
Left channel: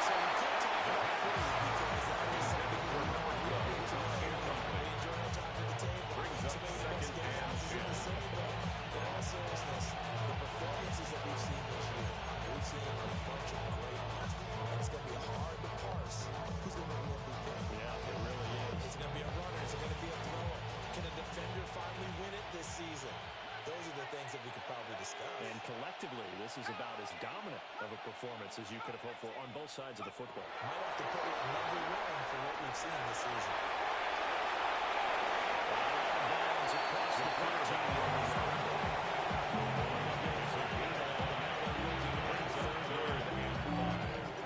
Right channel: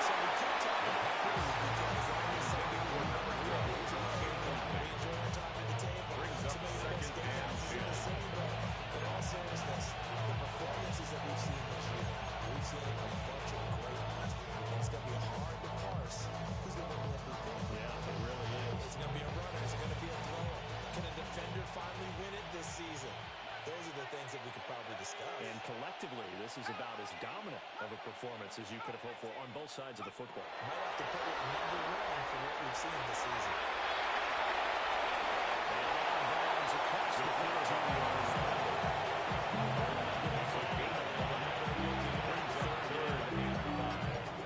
So we can't talk about food because that is something we're not really into. We enjoy our time at the table. Brings up Some of the best second and games in the city, but in all seriousness, the performances that we've seen this year, we've seen a bunch of great ones, and it's going to be hard to parse who's going to win the MVP. Yeah, it really is. Is it going to be a runner? Is it going to be a thrower? Can a defender finally win it this season? Those are the things that we could probably discuss. And collectively, this is about as dominant of a performance as you could have hoped for on both sides of the football. Might have to put it #1 for what we've seen this season. And out of bounds across the 15-yard line.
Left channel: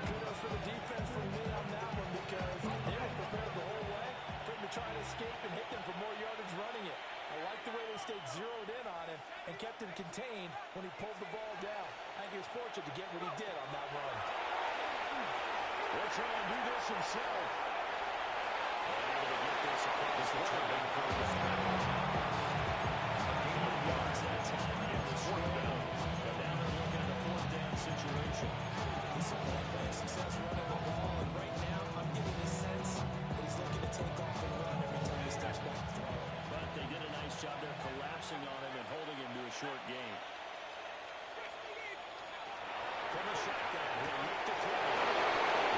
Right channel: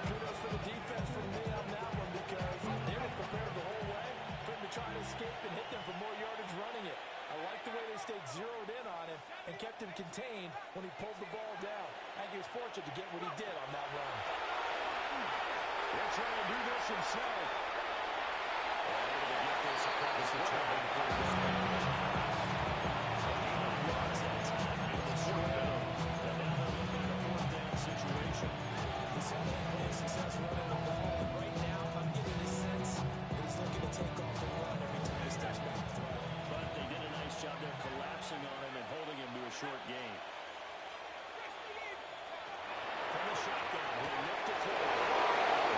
Kudos for the defense from me on that one because they were prepared the whole way for him to try to escape and hit them for more yardage running it. I like the way they stayed zeroed in on him and kept him contained when he pulled the ball down. I think he was fortunate to get what he did on that run. Will try and do this himself. And able to get this across the 20 yards that time out of the down. But now they're looking at a 4th down situation. He certainly had plenty of success running the ball, and right now I'm getting the sense that he's looking to take off and run every time he's touched back to throw. But they did a nice job there collapsing on him and holding him to a short gain. From the shotgun, he'll look to throw.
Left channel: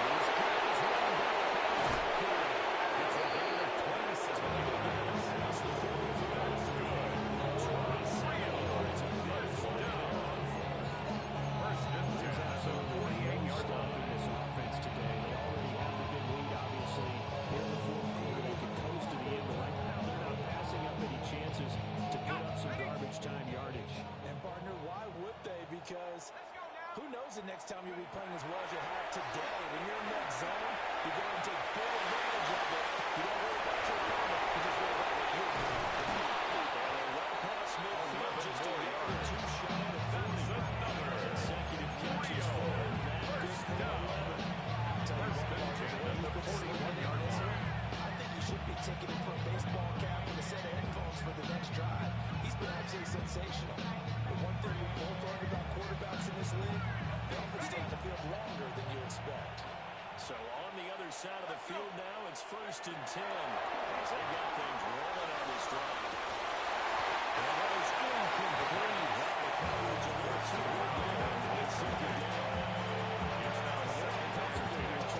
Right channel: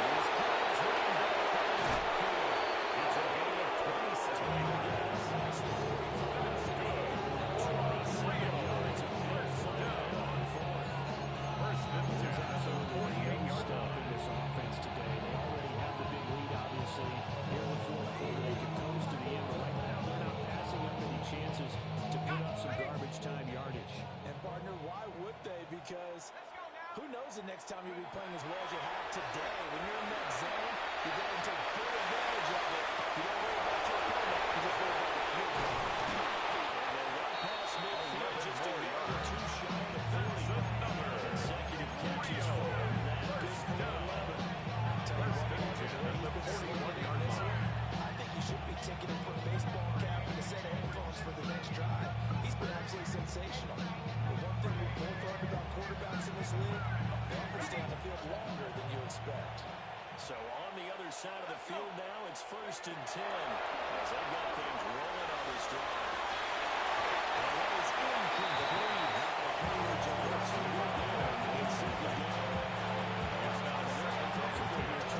These guys running back out of the backfield. It's a gain of 26. Able to get it across the 45. That's good. 27 yards. A big play there on 4th. First and 10 at the 48-yard Stopping line. this offense today. They already have the big lead, obviously. Here in the 4th quarter, they could coast to the end, but right now they're not passing up any chances to put up some garbage time yardage. And partner, why would they? Because who knows the next time you'll be playing as well as you have today. When you're in that zone, you go and take full advantage of it. You don't worry about your opponent. You just worry about what you're doing. And they're well past midfield, just a yard or 2 shy of the 40. That's another. Consecutive catches for that good for 11. First and 10 at the 41-yard line. I think he should be ticketed for a baseball cap and a set of headphones for the next drive. He's been absolutely sensational. But one thing we've both learned about quarterbacks in this league, they often stay on the field longer than you expect. So on the other side of the field now, it's 1st and 10 as they got things rolling on this drive. And that is incomplete. Now the coverage a little too good there. It's simply down. It's now second and 10.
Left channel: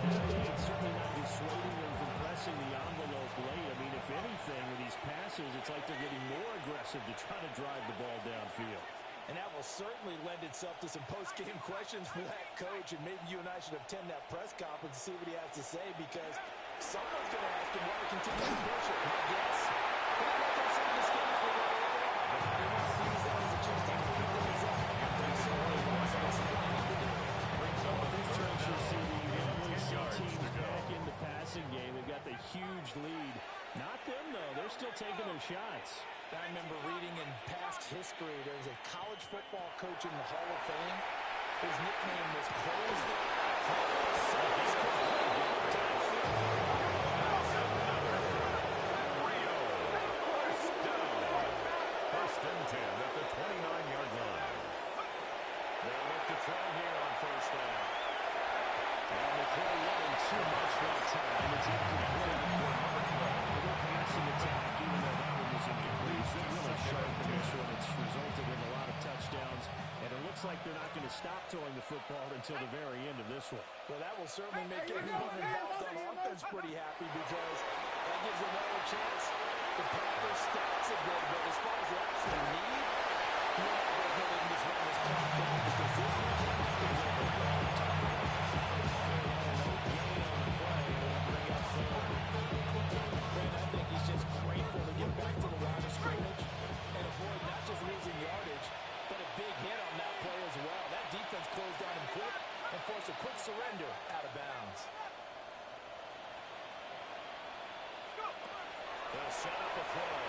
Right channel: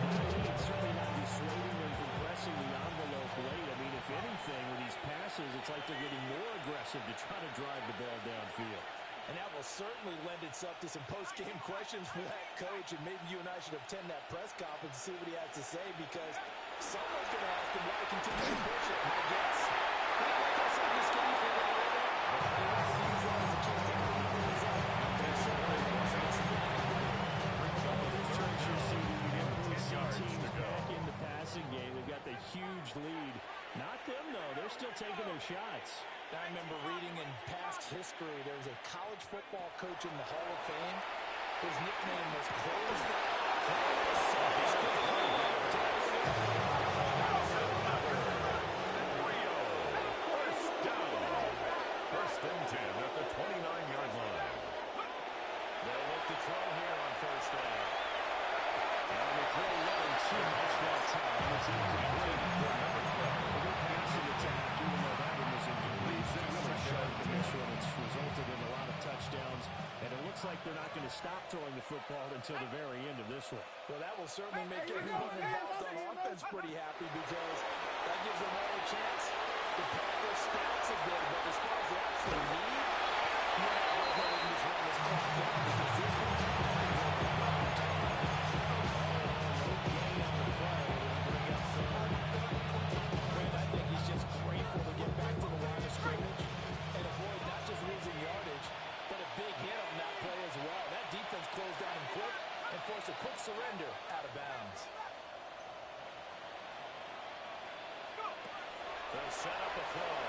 That lead certainly not dissuading them from pressing the envelope late. I mean, if anything, with these passes, it's like they're getting more aggressive to try to drive the ball downfield. And that will certainly lend itself to some post-game questions for that coach, and maybe you and I should attend that press conference and see what he has to say, because someone's going to ask him why he continues to push it. My guess, he didn't like how some of the schemes were going over, but he wants to use that as a chance to clean things up. He certainly wants to explain it. Brings up a third down. You see 10 yards teams to go. back in the passing game. They've got the huge lead Not them, though. They're still taking their shots. I remember reading in past history, there was a college football coach in the Hall of Fame. His nickname was Close the... Rio. First down. First and 10 at the 29-yard line. They'll look to throw here on first down. And the throw wasn't too much that time. It's incomplete for number 12. A good passing attack, even though that one was incomplete. It's been really sharp in this one. It's resulted in a lot of touchdowns. And it looks like they're not going to stop throwing the football until the very end of this one. Well, that will certainly make everyone involved on offense pretty happy because that gives them all a chance to pad their stats a bit. But as far as the actual need, you know, they can just run this clock down because this one is over a long time. No gain on the play. It'll bring up third. Brent, I think he's just grateful to get back to the line of scrimmage and avoid not just losing yardage, but a big hit on that play as well. That defense closed down him quick and forced a quick surrender out of bounds. They'll set up a throw.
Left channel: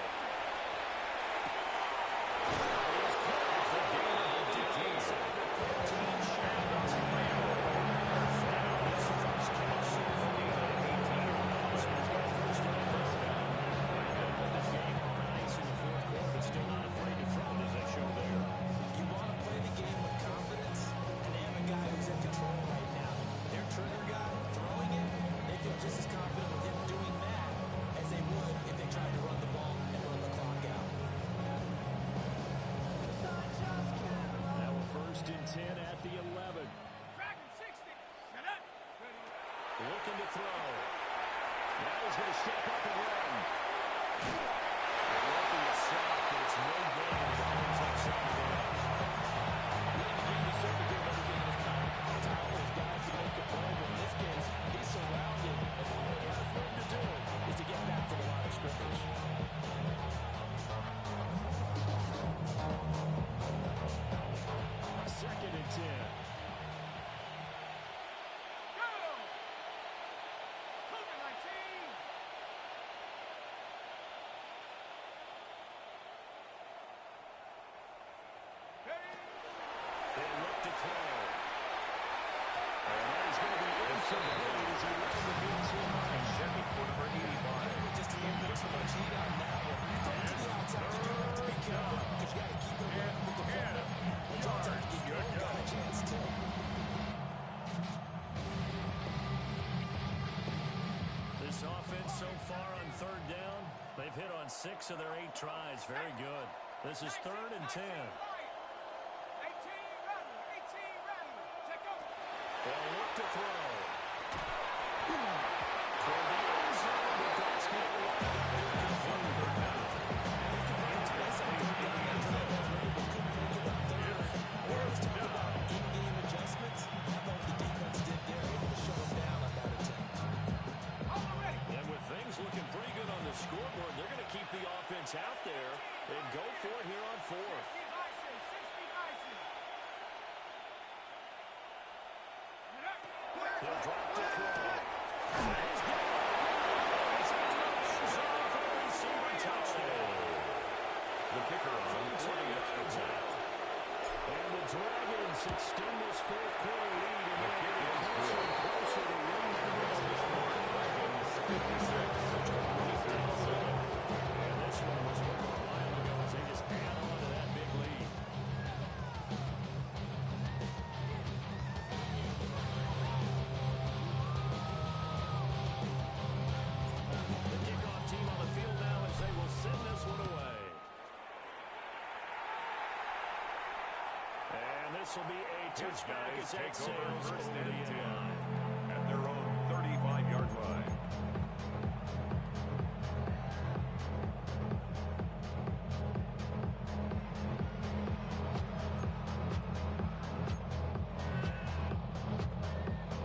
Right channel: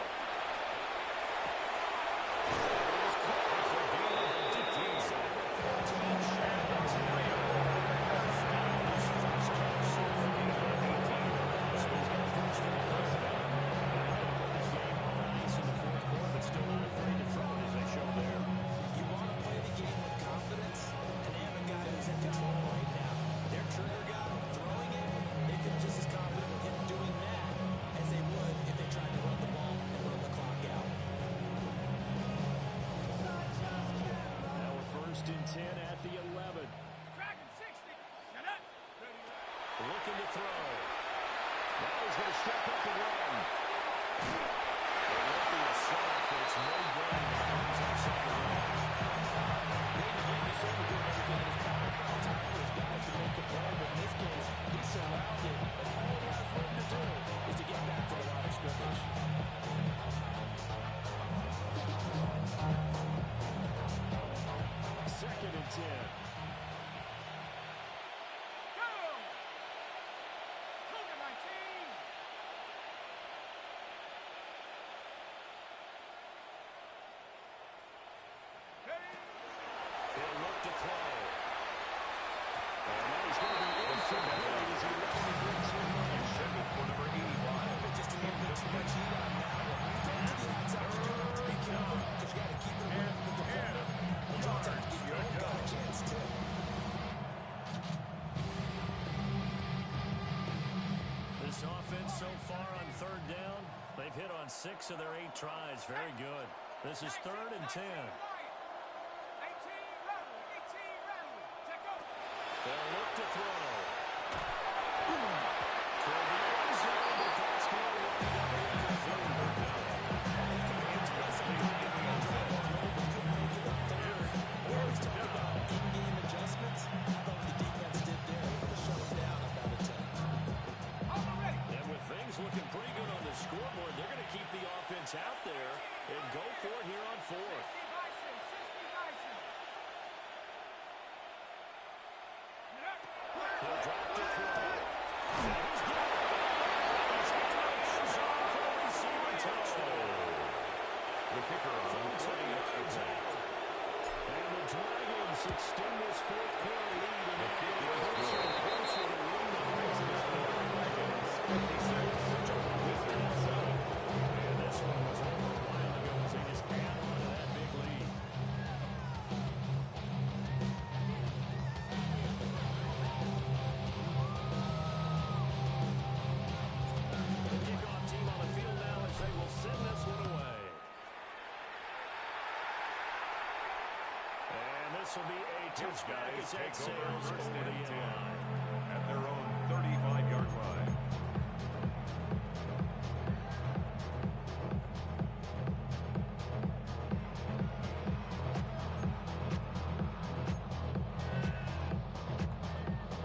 It's a gain of 15. And that's Rio. First down. His first catch. A gain of 18. So he's got first down. First down. I know put this game on ice in the fourth quarter, but still not afraid to throw it as they show there. You want to play the game with confidence, and they have a guy who's in control right now. Their trigger guy throwing it, they feel just as confident with him doing that as they would if they tried to run the ball and run the clock out. Now a first and 10 at the 11. Dragon 60. Shut up. Ready. Looking to throw. Now he's going to step up and run. It won't be a sack, but it's no gain, and it brings up second down. Late in the game, he's certainly doing everything in his power time for his guys to make a play, but in this case, he's surrounded, and all he has room to do is to get back to the line of scrimmage. Second and 10. Go. Cougar 19. Ready. He'll look to throw. And that is going to be incomplete as he left the blitz in line. And checking for number 85. But just a little bit too much heat on that one. When you throw to the outside, you do have to be careful because you got to keep it away from the defender. But you also have to give your own guy a chance, too. This offense so far on third down, they've hit on 6 of their 8 tries. Very good. This is third and 10. 18 Rattler. 18 Rattler. Check out. They'll look to throw. Toward the end zone, but that's going to wind up incomplete. Third down. They could bring twice on third down that drive already, but couldn't make it on third. We always talk about in-game adjustments. How about what the defense did there, able to shut them down on that attempt. All ready. And with things looking pretty good on the scoreboard, they're going to keep the offense out there and go for it here on fourth. 60 Bison. 60 Bison. Get up. He'll drop to throw. And he's got it. And he's in the end zone for a receiving touchdown. The kicker on for the extra point. And the Dragons extend this fourth quarter lead, and The kick they're is closer good. and closer to winning the Makes the score Dragons 56, Wizards 7. And this one was over a while ago as they just add on to that big lead. The kickoff team on the field now as they will send this one away. And this will be a His touchback guys as take that over sails first over and the 10 end line. at their own 35-yard line.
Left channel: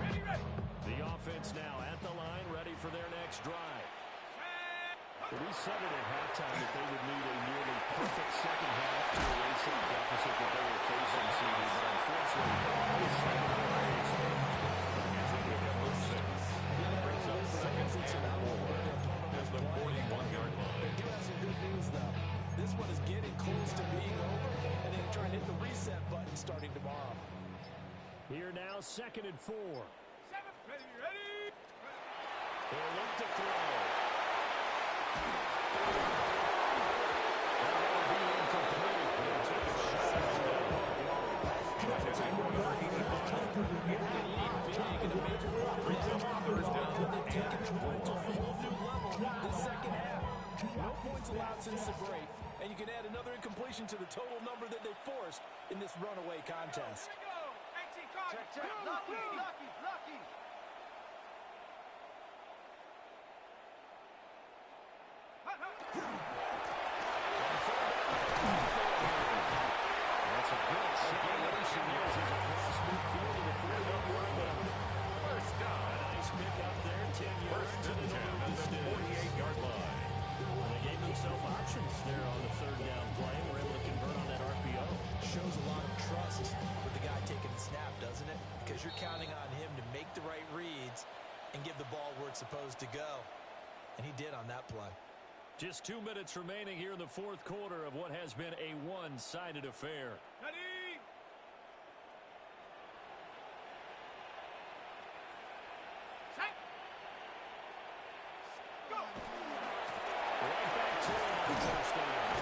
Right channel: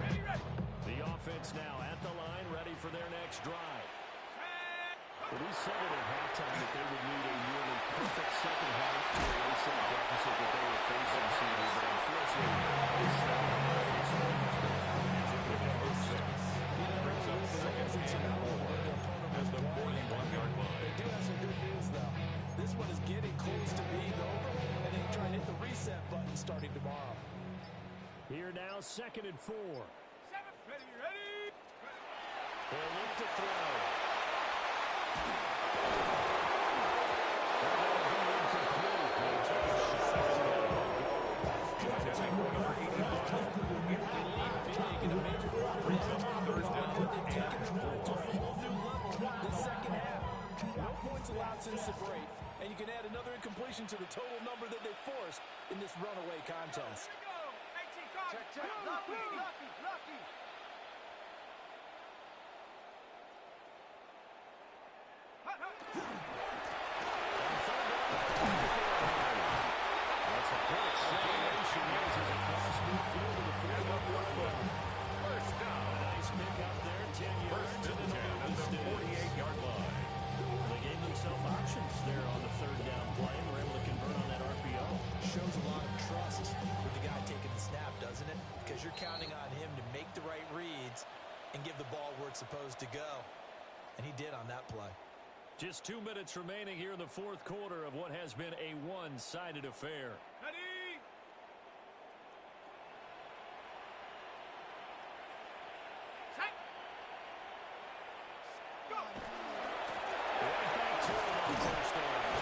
Ready, ready. The offense now at the line, ready for their next drive. Set. We said it at halftime that they would need a nearly perfect second half to erase that deficit that they were facing, CD, but unfortunately, this second half is so much better. It's a pick up of 6. Brings up second and 4 as the 41 Here now, 2nd and 4. 7. Ready. He'll look to throw. That'll be incomplete. They took a shot. Number 85. They lead big in a major part of it. Third down They've taken and their point to a 4. whole new level this second half. No points allowed since the break, and you can add another incompletion to the total number that they forced in this runaway contest. Here we go. 18 cards. Check. Lucky. Hut. That's a good acceleration. There's across midfield to the 48-yard line. First A down. nice pick up there, 10 yards. First and and 10 it'll at move the the sticks. 48-yard line. They gave themselves options there on the 3rd down play and were able to convert on that RPO. Shows a lot of trust with the guy taking the snap, doesn't it? Because you're counting on him to make the right reads and give the ball where it's supposed to go. And he did on that play. Just 2 minutes remaining here in the 4th quarter of what has been a one-sided affair. Ready. Set. Go. Right back to him on 1st down.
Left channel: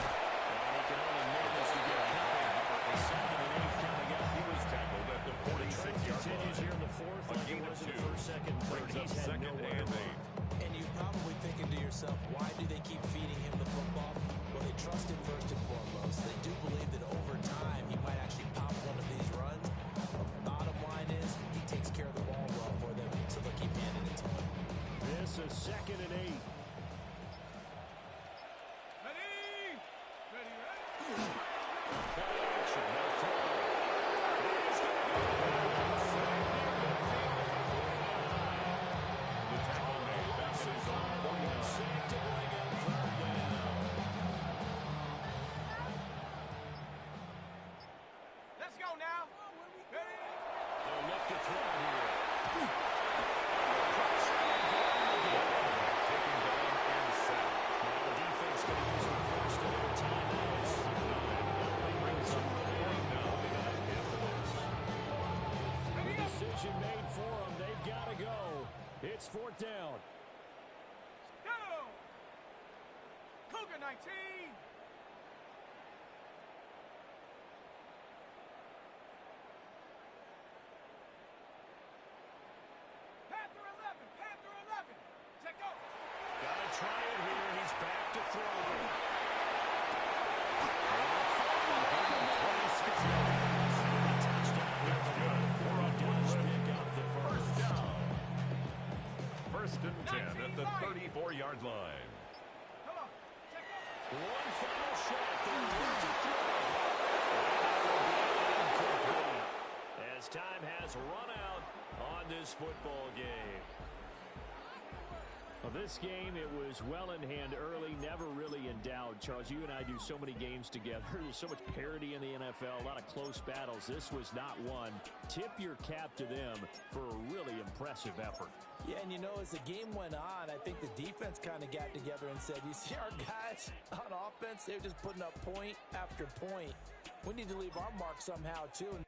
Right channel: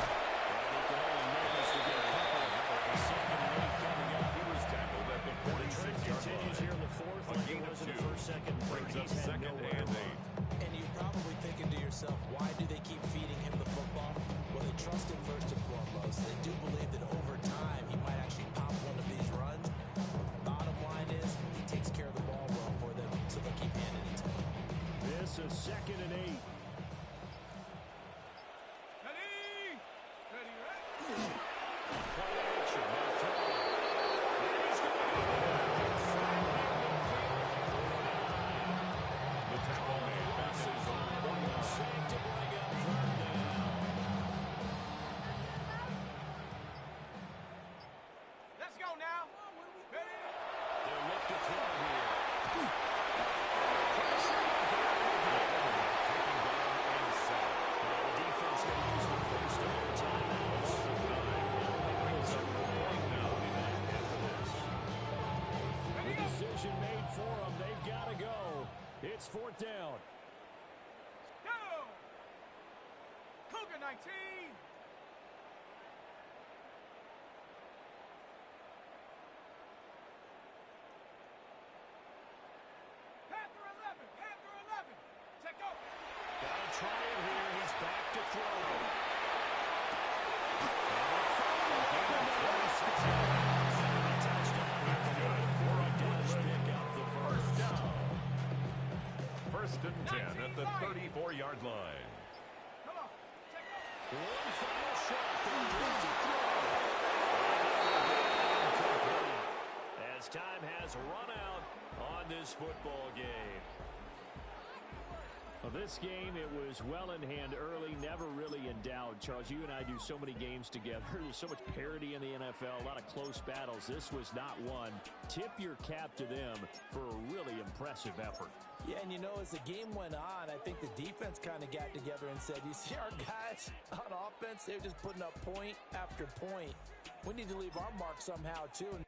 And he can only manage to get a couple. A 2nd and 8 coming up. He was tackled at the The trend 46-yard continues here line. in the 4th A like it gain of was in the 2. 1st, 2nd, 3rd. Brings up He's had 2nd nowhere and to 8. run. And you're probably thinking to yourself, why do they keep feeding him the football? Well, they trust him first and foremost. They do believe that over time he might actually pop one of these runs. Bottom line is he takes care of the ball well for them, so they'll keep handing it to him. This is 2nd and 8. Ready. Play action, no throw. He's going to go down. Sacked near midfield at the 49. The tackle made back at his own 49. Safe to bring up 3rd down. Let's go now. Ready. They'll look to throw here. Taking down and sacked. Now the defense going to use the first of their timeouts. Loss of 9. Brings up 4th down. After this. The decision made for them. They've got to go. It's 4th down. Go. Cougar 19. Panther 11. Check go. Got to try it here. He's back to throw. Touchdown here before he does pick up the First first. down. First and 10 at the 34-yard line. Come on. Check go. One final shot. They'll look to throw. And that will be incomplete. As time has run out on this football game. Well, this game, it was well in hand early, never really in doubt. Charles, you and I do so many games together. There's so much parity in the NFL, a lot of close battles. This was not one. Tip your cap to them for a really impressive effort. Yeah, and you know, as the game went on, I think the defense kind of got together and said, you see our guys on offense, they're just putting up point after point. We need to leave our mark somehow, too, and